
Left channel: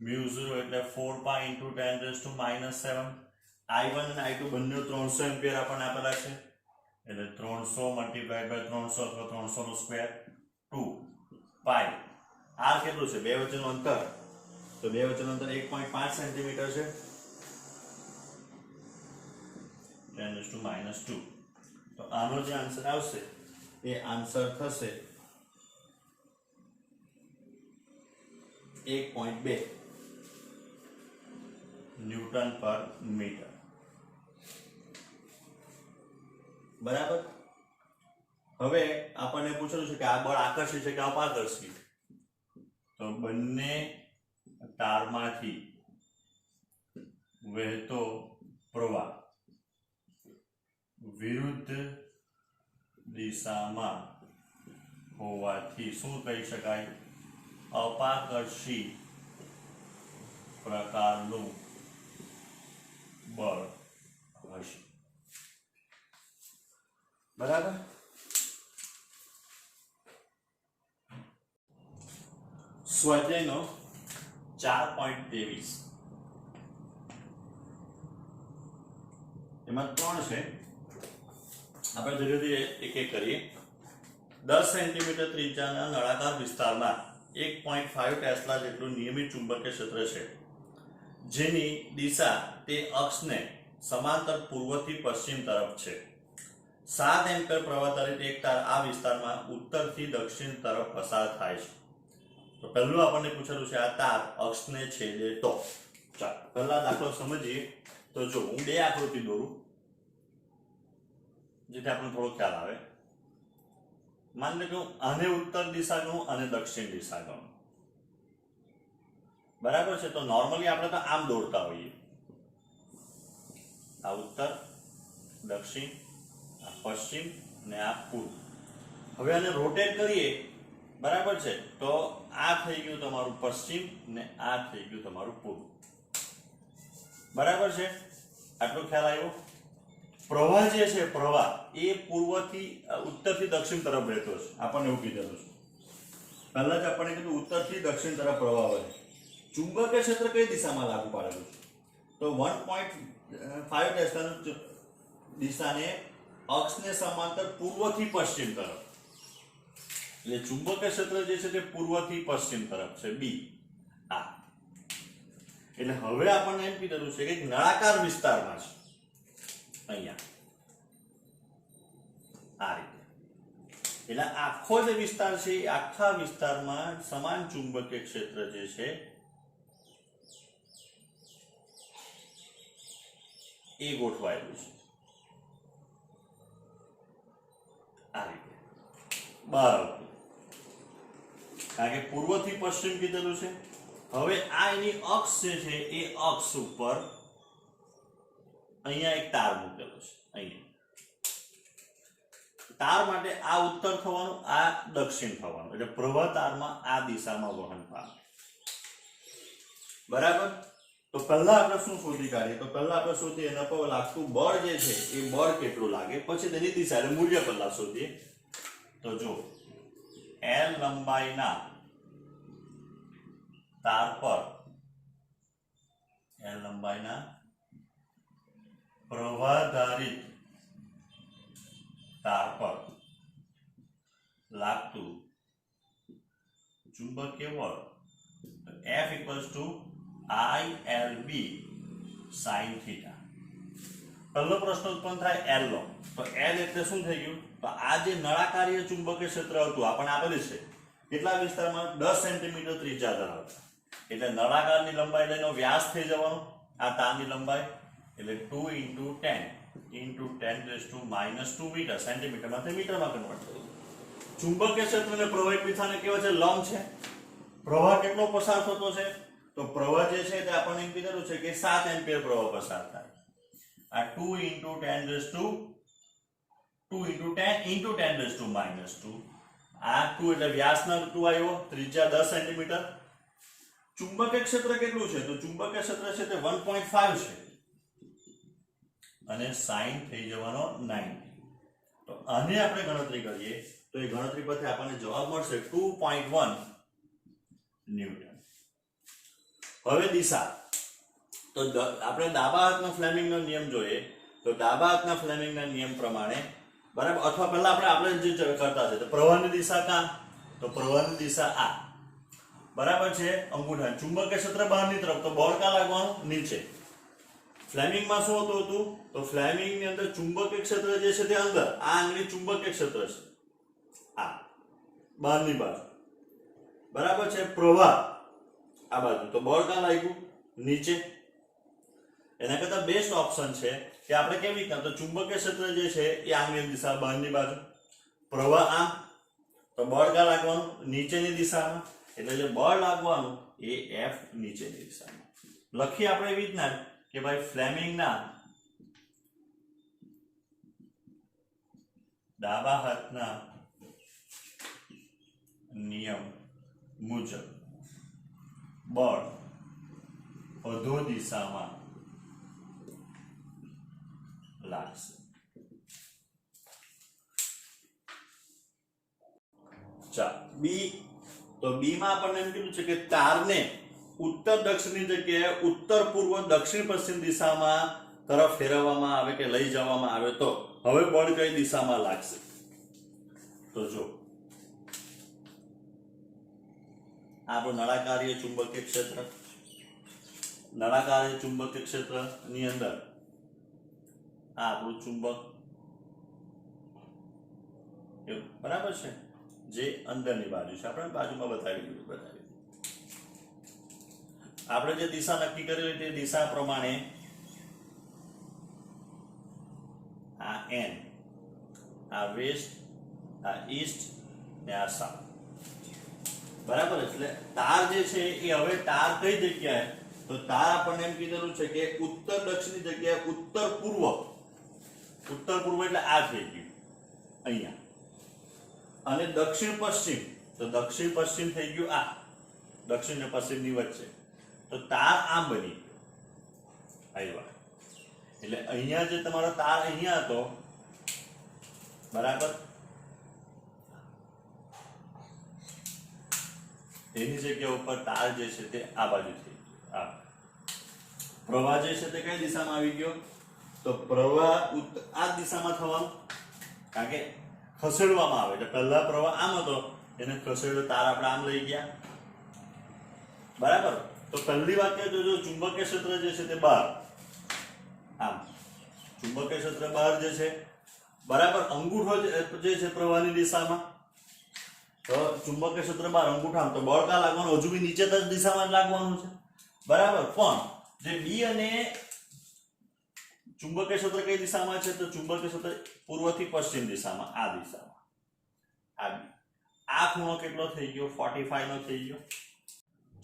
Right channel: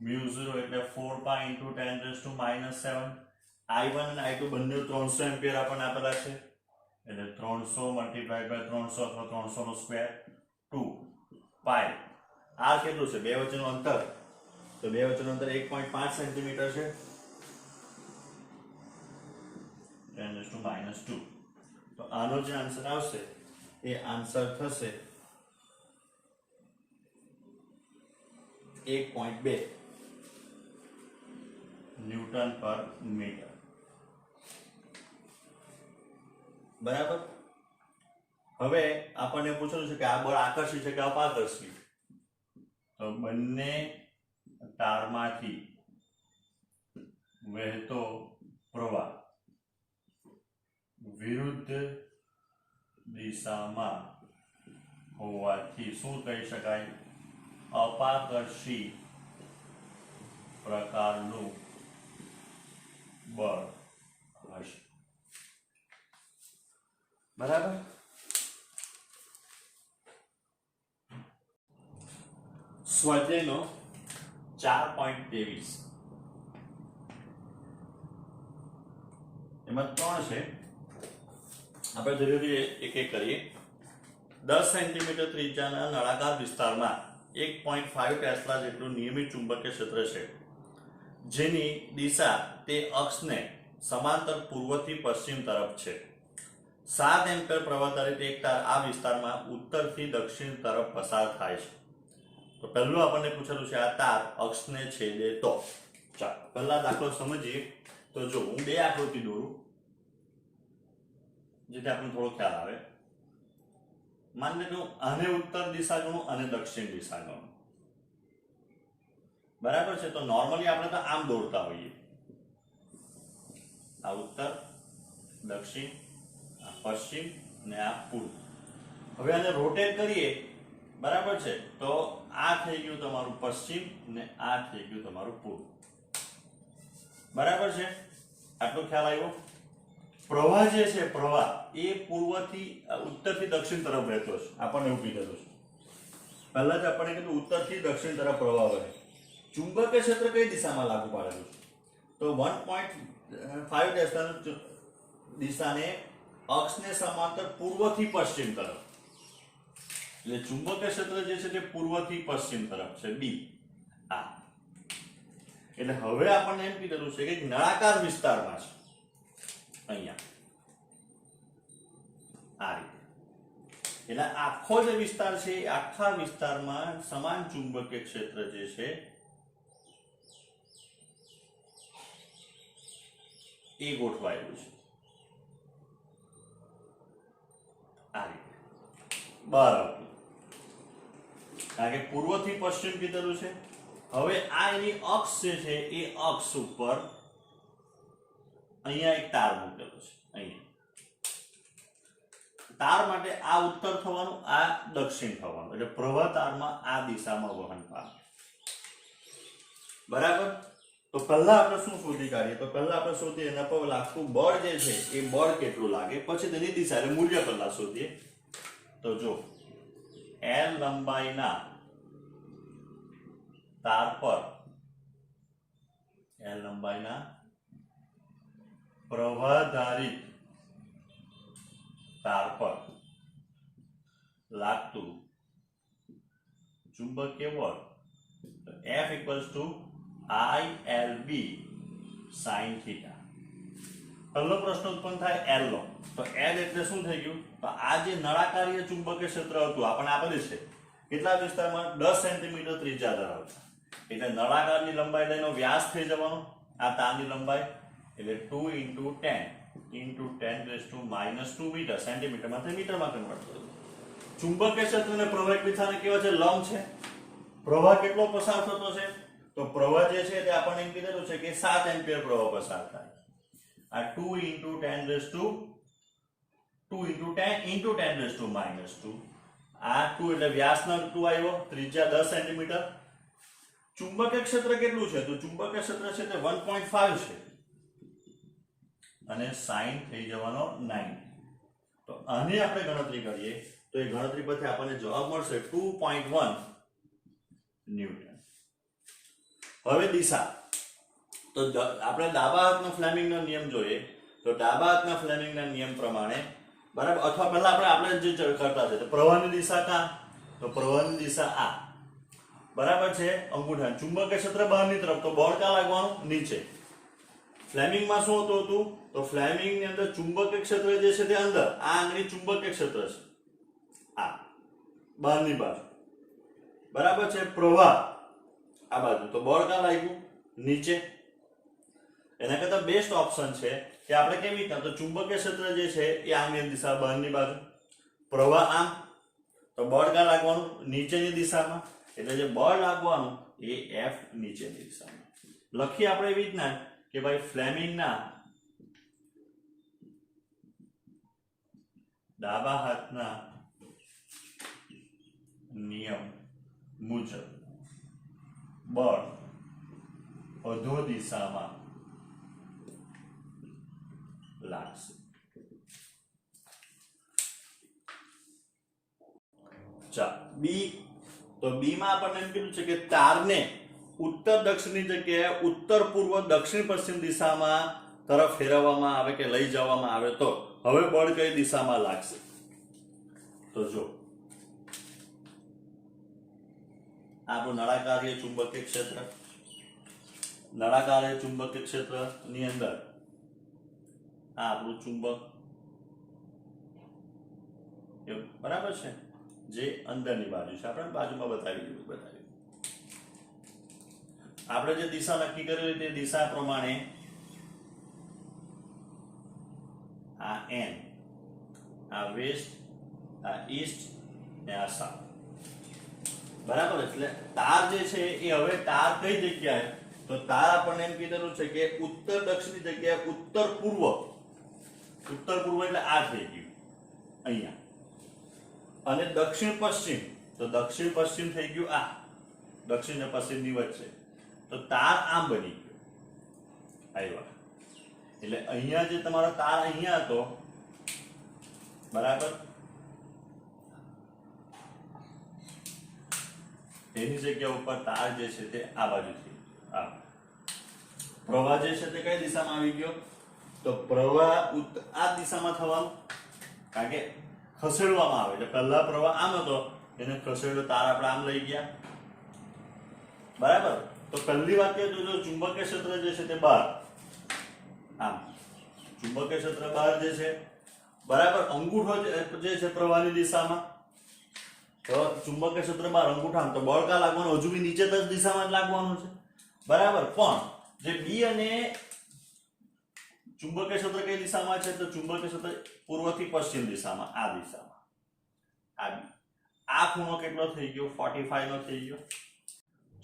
μ0 એટલે 4π × 10⁻⁻⁷. I1 અને I2 બંને 300 એમ્પિયર આપણને આપેલા છે, એટલે 300 × 300 અથવા 300 નો સ્ક્વેર 2 પાઈ. r કેટલું છે? બે વચ્ચેનું અંતર, તો બે વચ્ચેનું અંતર 1.5 સેન્ટીમીટર છે, 10⁻². તો આનો જે આન્સર આવશે એ આન્સર થશે 1.2 ન્યૂટન પર મીટર, બરાબર. હવે આપણને પૂછેલું છે કે આ બળ આકર્ષી છે કે અપાકર્ષી, તો બંને તારમાંથી વહેતો પ્રવાહ વિરુદ્ધ દિશામાં હોવાથી શું કહી શકાય? અપાકર્ષી પ્રકારનું બળ હશે, બરાબર. સ્વાધ્યાયનો 4.23 એમાં 3 છે, આપણે ધીરે ધીરે એક એક કરીએ. 10 સેન્ટીમીટર ત્રિજ્યાના નળાકાર વિસ્તારમાં 1.5 ટેસ્લા જેટલું નિયમિત ચુંબકીય ક્ષેત્ર છે, જેની દિશા તે અક્ષને સમાંતર પૂર્વથી પશ્ચિમ તરફ છે. 7 એમ્પીયર પ્રવાહ ધારિત એક તાર આ વિસ્તારમાં ઉત્તરથી દક્ષિણ તરફ પસાર થાય છે. તો તો પહેલું આપણને પૂછેલું છે આ તાર અક્ષને છેદે તો. ચાલો પહેલા દાખલો સમજીએ. તો જો હું બે આકૃતિ દોરું જેથી આપણને થોડો ખ્યાલ આવે. માની લો આને ઉત્તર દિશા ગણું અને દક્ષિણ દિશા ગણું, બરાબર છે. તો નોર્મલી આપણે તો આમ દોરતા હોઈએ, આ ઉત્તર, દક્ષિણ, આ પશ્ચિમ અને આ પૂર્વ. હવે આને રોટેટ કરીએ, બરાબર છે, તો આ થઈ ગયું તમારું પશ્ચિમ ને આ થઈ ગયું તમારું પૂર્વ, બરાબર છે. આટલો ખ્યાલ આવ્યો. પ્રવાહ જે છે પ્રવાહ એ પૂર્વથી ઉત્તરથી દક્ષિણ તરફ વહેતો છે. આપણને એવું કીધેલું છે પહેલા જ આપણને કીધું ઉત્તરથી દક્ષિણ તરફ પ્રવાહ વહે. ચુંબકીય ક્ષેત્ર કઈ દિશામાં લાગુ પાડેલું છે? તો 1.5 દિશાને અક્ષને સમાંતર પૂર્વથી પશ્ચિમ તરફ. એટલે ચુંબકીય ક્ષેત્ર જે છે તે પૂર્વથી પશ્ચિમ તરફ છે, બી આ. એટલે હવે આપણને એમ કીધેલું છે કે નળાકાર વિસ્તારમાં છે અહીંયા આ રીતે. એટલે આખો જે વિસ્તાર છે એ આખા વિસ્તારમાં સમાન ચુંબકીય ક્ષેત્ર જે છે એ ગોઠવાયેલું છે આ રીતે બહાર આવતું, કારણ કે પૂર્વથી પશ્ચિમ કીધેલું છે. હવે આ એની અક્ષ જે છે એ અક્ષ ઉપર અહીંયા એક તાર મૂકેલો છે. અહીંયા તાર માટે આ ઉત્તર થવાનું, આ દક્ષિણ થવાનું, એટલે પ્રવાહ તારમાં આ દિશામાં વહન પામે, બરાબર. તો પહેલા આપણે શું શોધી કાઢીએ? તો પહેલા આપણે શોધીએ એના પર લાગતું બળ જે છે એ બળ કેટલું લાગે, પછી તેની દિશા એટલે મૂલ્ય પહેલા શોધીએ. તો જો L લંબાઈના તાર પર, L લંબાઈના પ્રવાહધારિત તાર પર લાગતું ચુંબકીય બળ F ILB sin થીટા. પહેલો પ્રશ્ન ઉત્પન્ન થાય L નો. તો L એટલે શું થઈ ગયું? તો આ જે નળાકારીય ચુંબકીય ક્ષેત્ર હતું આપણે આપેલું છે કેટલા વિસ્તારમાં? 10 સેન્ટીમીટર ત્રિજ્યા ધરાવતા. એટલે નળાકારની લંબાઈ લઈને વ્યાસ થઈ જવાનો, આ તારની લંબાઈ, એટલે 2 × 10 × 10⁻² મીટર, સેન્ટીમીટરમાંથી મીટરમાં કન્વર્ટ કરો. ચુંબકીય ક્ષેત્રને પ્રવાહ વિસ્થાને કેવો છે? લંબ છે. પ્રવાહ કેટલો પસાર થતો છે? તો પ્રવાહ જે છે તે આપણને એમ કીધેલું છે કે 7 એમ્પિયર પ્રવાહ પસાર થાય. આ 2 × 10⁻², આ 2 એટલે વ્યાસનો 2 આવ્યો, ત્રિજ્યા 10 સેન્ટીમીટર. ચુંબકીય ક્ષેત્ર કેટલું છે? તો ચુંબકીય ક્ષેત્ર છે તે 1.5 છે અને સાઇન થઈ જવાનો 90. તો આની આપણે ગણતરી કરીએ તો એ ગણતરી પરથી આપણને જવાબ મળશે 2.1 ન્યૂટન. હવે દિશા, તો આપણે ડાબા હાથનો ફ્લેમિંગનો નિયમ જોઈએ. તો ડાબા હાથના ફ્લેમિંગના નિયમ પ્રમાણે, બરાબર, અથવા પહેલા આપણે જે કરતા છે તો પ્રવાહની દિશા કાં? તો પ્રવાહની દિશા આ, બરાબર છે, અંગૂઠા. ચુંબકીય ક્ષેત્ર બહારની તરફ, તો બળ ક્યાં લાગવાનું? નીચે. ફ્લેમિંગમાં શું હતું? તો ફ્લેમિંગની અંદર ચુંબકીય ક્ષેત્ર જે છે તે અંદર, આ આંગળી ચુંબકીય ક્ષેત્ર છે, આ બહારની બાજુ, બરાબર છે. પ્રવાહ આ બાજુ, તો બળ ક્યાં લાગ્યું? નીચે. એના કરતા બેસ્ટ ઓપ્શન છે કે આપણે કેવી રીતના, તો ચુંબકીય ક્ષેત્ર જે છે એ આંગળી દિશા બહારની બાજુ, પ્રવાહ આમ, તો બળ ક્યાં લાગવાનું? નીચેની દિશામાં. એટલે જે બળ લાગવાનું એ F નીચેની દિશામાં. લખીએ આપણે એવી રીતના કે ભાઈ ફ્લેમિંગના ડાબા હાથના નિયમ મુજબ બળ અધો દિશામાં લાગશે. ચાલો બી. તો બી માં આપણને એમ કીધું છે કે તારને ઉત્તર દક્ષિણની જગ્યાએ ઉત્તર પૂર્વ દક્ષિણ પશ્ચિમ દિશામાં તરફ ફેરવવામાં આવે કે લઈ જવામાં આવે તો હવે બળ કઈ દિશામાં લાગશે? તો જો આપણું નળાકારીય ચુંબકીય ક્ષેત્ર, નળાકારીય ચુંબકીય ક્ષેત્રની અંદર આ આપણું ચુંબક, બરાબર છે, જે અંદરની બાજુ છે, આપણે બાજુમાં બતાવી. આપણે જે દિશા નક્કી કરેલી તે દિશા પ્રમાણે આ એન, આ વેસ્ટ, આ ઈસ્ટ ને આ સાઉથ. બરાબર. એટલે તાર જે છે એ હવે તાર કઈ જગ્યાએ, તો તાર આપણને એમ કીધેલું છે કે ઉત્તર દક્ષિણની જગ્યાએ ઉત્તર પૂર્વ. ઉત્તર પૂર્વ એટલે આ થઈ ગયું અહીંયા, અને દક્ષિણ પશ્ચિમ, તો દક્ષિણ પશ્ચિમ થઈ ગયું આ, દક્ષિણ ને પશ્ચિમની વચ્ચે. તો તાર આમ બની ગયો આવ્યા. એટલે અહીંયા જે તમારો તાર અહીંયા હતો, બરાબર, તેની જગ્યા ઉપર તાર જે છે તે આ બાજુ થઈ ગયો. આ પ્રવાહ જે છે તે કઈ દિશામાં આવી ગયો, તો પ્રવાહ આ દિશામાં થવાનો, કારણ કે ખસેડવામાં આવે. એટલે પહેલા પ્રવાહ આમ હતો, એને ખસેડ્યો, તાર આપણે આમ લઈ ગયા. બરાબર. તો પહેલી વાક્ય જોજો, ચુંબકીય ક્ષેત્ર જે છે તે બહાર, આમ ચુંબકીય ક્ષેત્ર બહાર જે છે, બરાબર, અંગૂઠો જે છે પ્રવાહની દિશામાં, તો ચુંબકીય ક્ષેત્ર બહાર, અંગૂઠામાં, તો બળ કા લાગવાનું, હજુ બી નીચે તરફ દિશામાં જ લાગવાનું છે. બરાબર. પણ જે બી અને ચુંબકીય ક્ષેત્ર કઈ દિશામાં છે, તો ચુંબકીય ક્ષેત્ર પૂર્વથી પશ્ચિમ દિશામાં, આ દિશામાં, આ બી. આ ખૂણો કેટલો થઈ ગયો, 45 નો થઈ ગયો.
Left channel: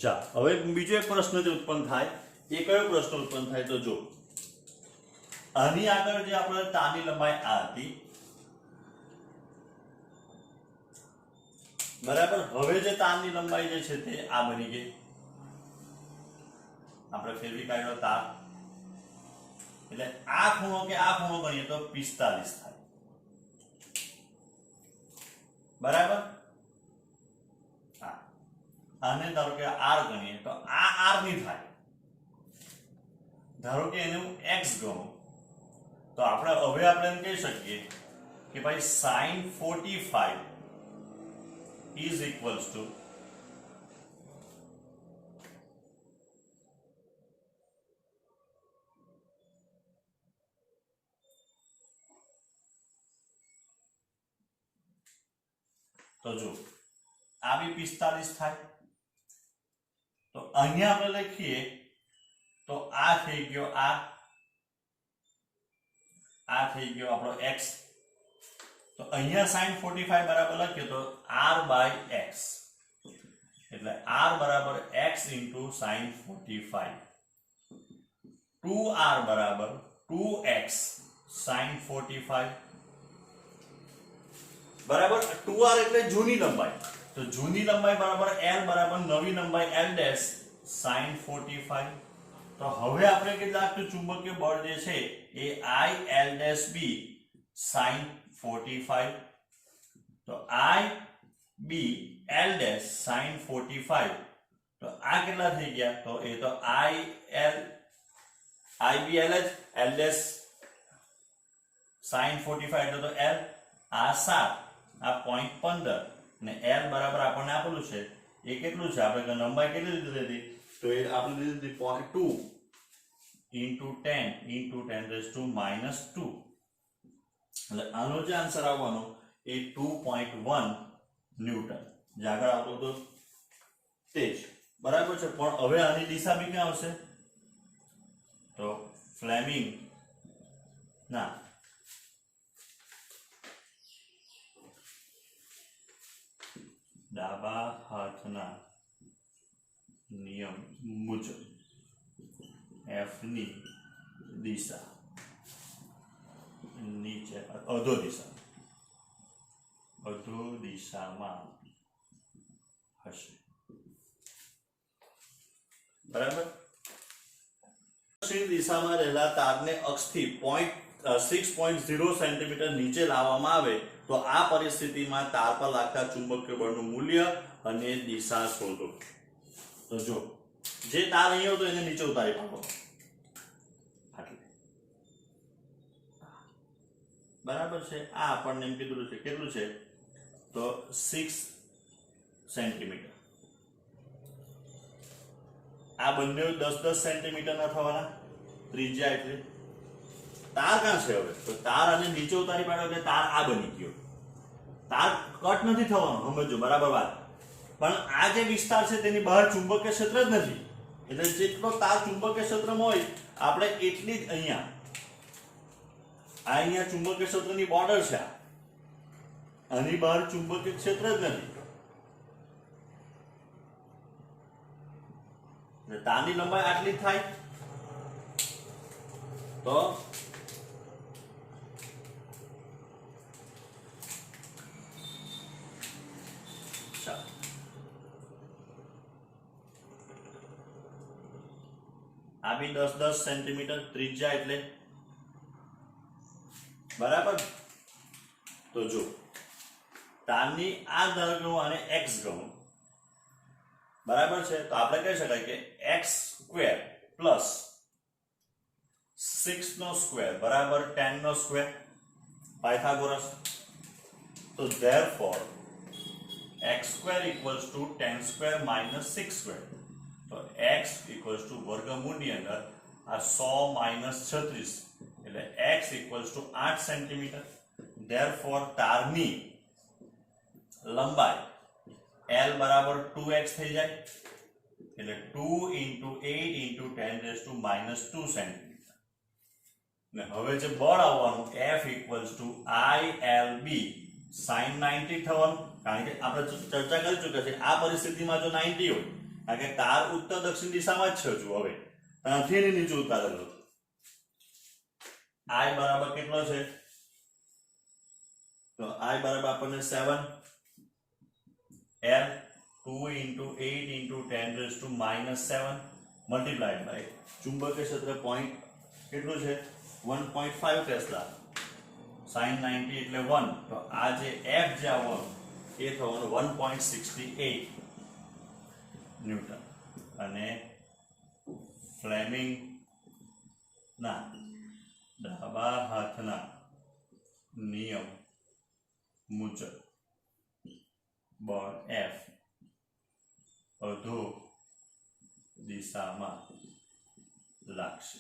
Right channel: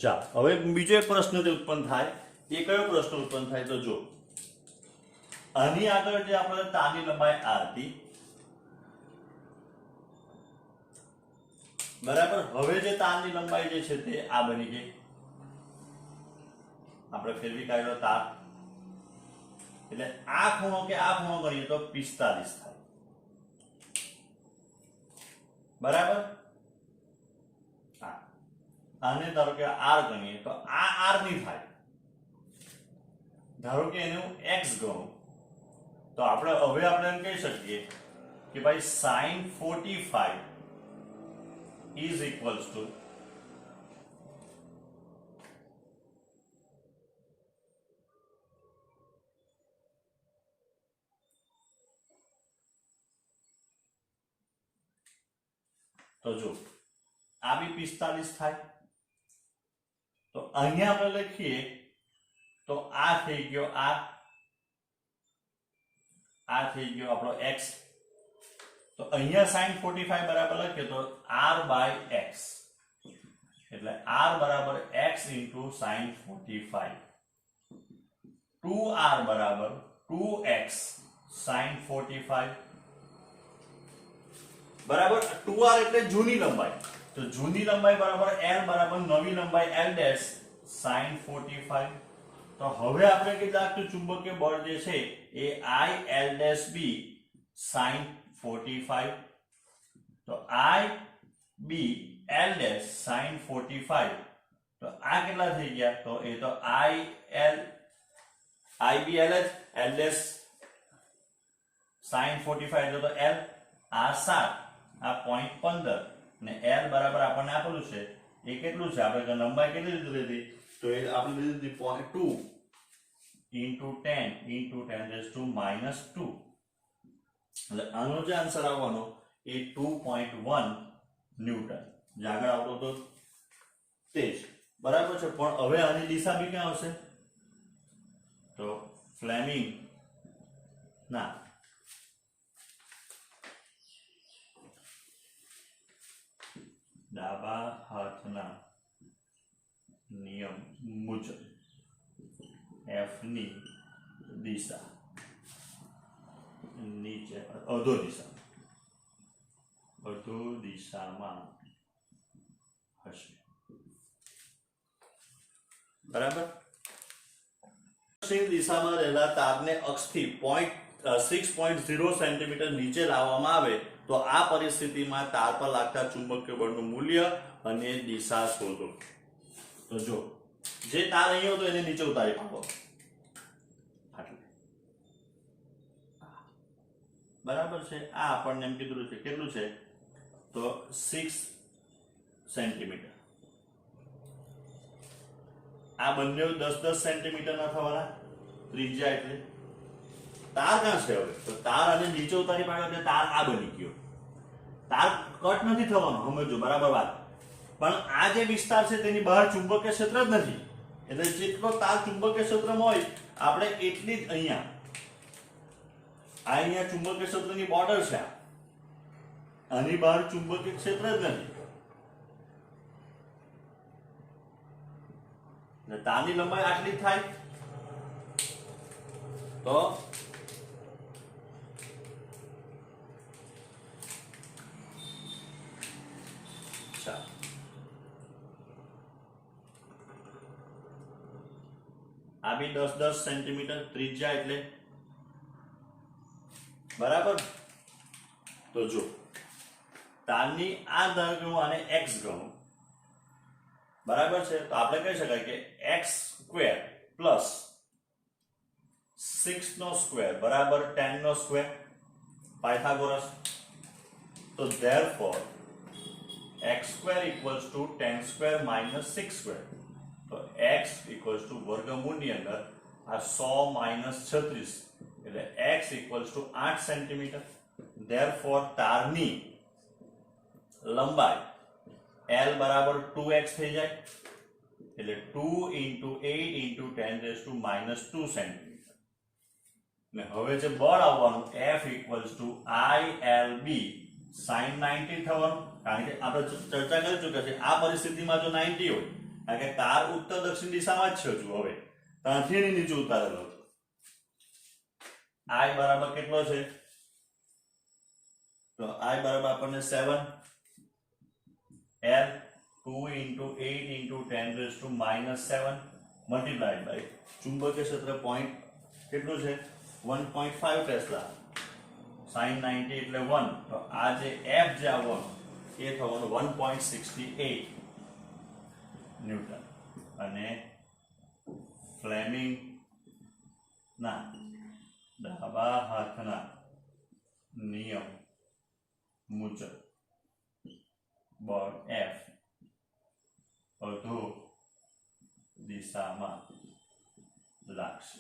ચાલો, હવે બીજો એક પ્રશ્ન જે ઉત્પન્ન થાય, એ કયો પ્રશ્ન ઉત્પન્ન થાય, તો જો આની આગળ જે આપણે તારની લંબાઈ આ હતી, બરાબર. હવે જે તારની લંબાઈ જે છે તે આ બની ગઈ. આપણે ફેરવી કાઢ્યો તાર, એટલે આ ખૂણો કે આ ખૂણો ગણીએ તો 45 થાય. બરાબર. આને ધારો કે આર ગણીએ તો આ આર ની થાય. ધારો કે એને હું એક્સ ગણું, તો આપણે હવે આપણે એમ કહી શકીએ કે ભાઈ sin 45 is equals to તો જો આ બી 45 થાય. તો અહીંયા આપણે લખીએ તો આ થઈ ગયો, આ થઈ ગયો આપણો x. તો અહીંયા sin 45 બરાબર લખીએ તો r by x, એટલે r બરાબર x into sin 45. 2r બરાબર 2x sin 45. બરાબર. 2r એટલે જૂની લંબાઈ, તો જૂની લંબાઈ બરાબર l બરાબર નવી લંબાઈ l ડેશ sin 45. તો હવે આપણે કેટલાક ચુંબકીય બળ જે છે એ I l dash b sin 45. તો I b l dash sin 45. તો આ કેટલા થઈ ગયા, તો એ તો I b l dash sin 45 એટલે તો l, આ 7, આ 0.15 ને l બરાબર આપણને આપેલું છે એ કેટલું છે, આપણે લંબાઈ કેટલી લીધી હતી, તો એ આપણે લીધી 0.2 into 10 into 10 raised to -2. એટલે આનો જે આન્સર આવવાનો એ 2.1 ન્યૂટન જે આગળ આવતો હતો તે જ. બરાબર છે. પણ હવે આની દિશા બી ક્યાં આવશે, તો ફ્લેમિંગ ના ડાબા હાથના નિયમ મુજબ f ની દિશા નીચે અધો દિશામાં હશે. બરાબર. પશ્ચિમ દિશામાં રહેલા તારને અક્ષથી 6.0 સેન્ટીમીટર નીચે લાવવામાં આવે તો આ પરિસ્થિતિમાં તાર પર લાગતા ચુંબકીય બળનું મૂલ્ય અને દિશા શોધો. તો જો જે તાર અહીંયા હતો એને નીચે ઉતારી પાડો. બરાબર છે. આ આપણને એમ કીધું છે કેટલું છે, તો 6 સેન્ટીમીટર. આ બંને 10-10 સેન્ટીમીટર ના થવાના ત્રિજ્યા. એટલે તાર ક્યાં છે હવે, તો તાર અને નીચે ઉતારી પાડો એટલે તાર આ બની ગયો. તાર કટ નથી થવાનો, સમજો બરાબર વાત. પણ આ જે વિસ્તાર છે તેની બહાર ચુંબકીય ક્ષેત્ર જ નથી, એટલે જેટલો તાર ચુંબકીય ક્ષેત્રમાં હોય આપણે એટલી જ અહીંયા ચુંબકીય ક્ષેત્રની બોર્ડર છે, આની બહાર ચુંબકીય ક્ષેત્ર જ નથી, એટલે તારની લંબાઈ આટલી થાય તો આ બી 10-10 સેન્ટીમીટર ત્રિજ્યા એટલે બરાબર. તો જો તારની આ ધારો અને x ગણું બરાબર છે, તો આપણે કહી શકાય કે x² પ્લસ 6² બરાબર 10² પાયથાગોરસ. તો therefore x² equals to 10² minus 6². તો x equals to વર્ગમૂળની અંદર આ 100 minus 36 એટલે x equals to 8 centimetre. therefore તારની લંબાઈ l બરાબર 2x થઈ જાય, એટલે 2 into 8 into 10 raised to minus 2 centimetre. ને હવે જે બળ આવવાનું F equals to ILB sin 90 થવાનું, કારણ કે આપણે ચર્ચા કરી ચૂક્યા છે આ પરિસ્થિતિમાં જો 90 હોય, કારણ કે તાર ઉત્તર દક્ષિણ દિશામાં જ છે હજુ, હવે ત્યાંથી નીચે ઉતારેલો છે. I બરાબર કેટલો છે? તો I બરાબર આપણને 7 L 2 into 8 into 10 raised to minus 7 multiplied by ચુંબકીય ક્ષેત્ર પોઈન્ટ કેટલું છે 1.5 ટેસ્લા sin 90 એટલે 1. તો આ જે F જે આવવાનું એ થવાનું 1.68 ન્યૂટન. અને ફ્લેમિંગ ના ડાબા હાથના નિયમ મુજબ બળ F અધો દિશામાં લાગશે.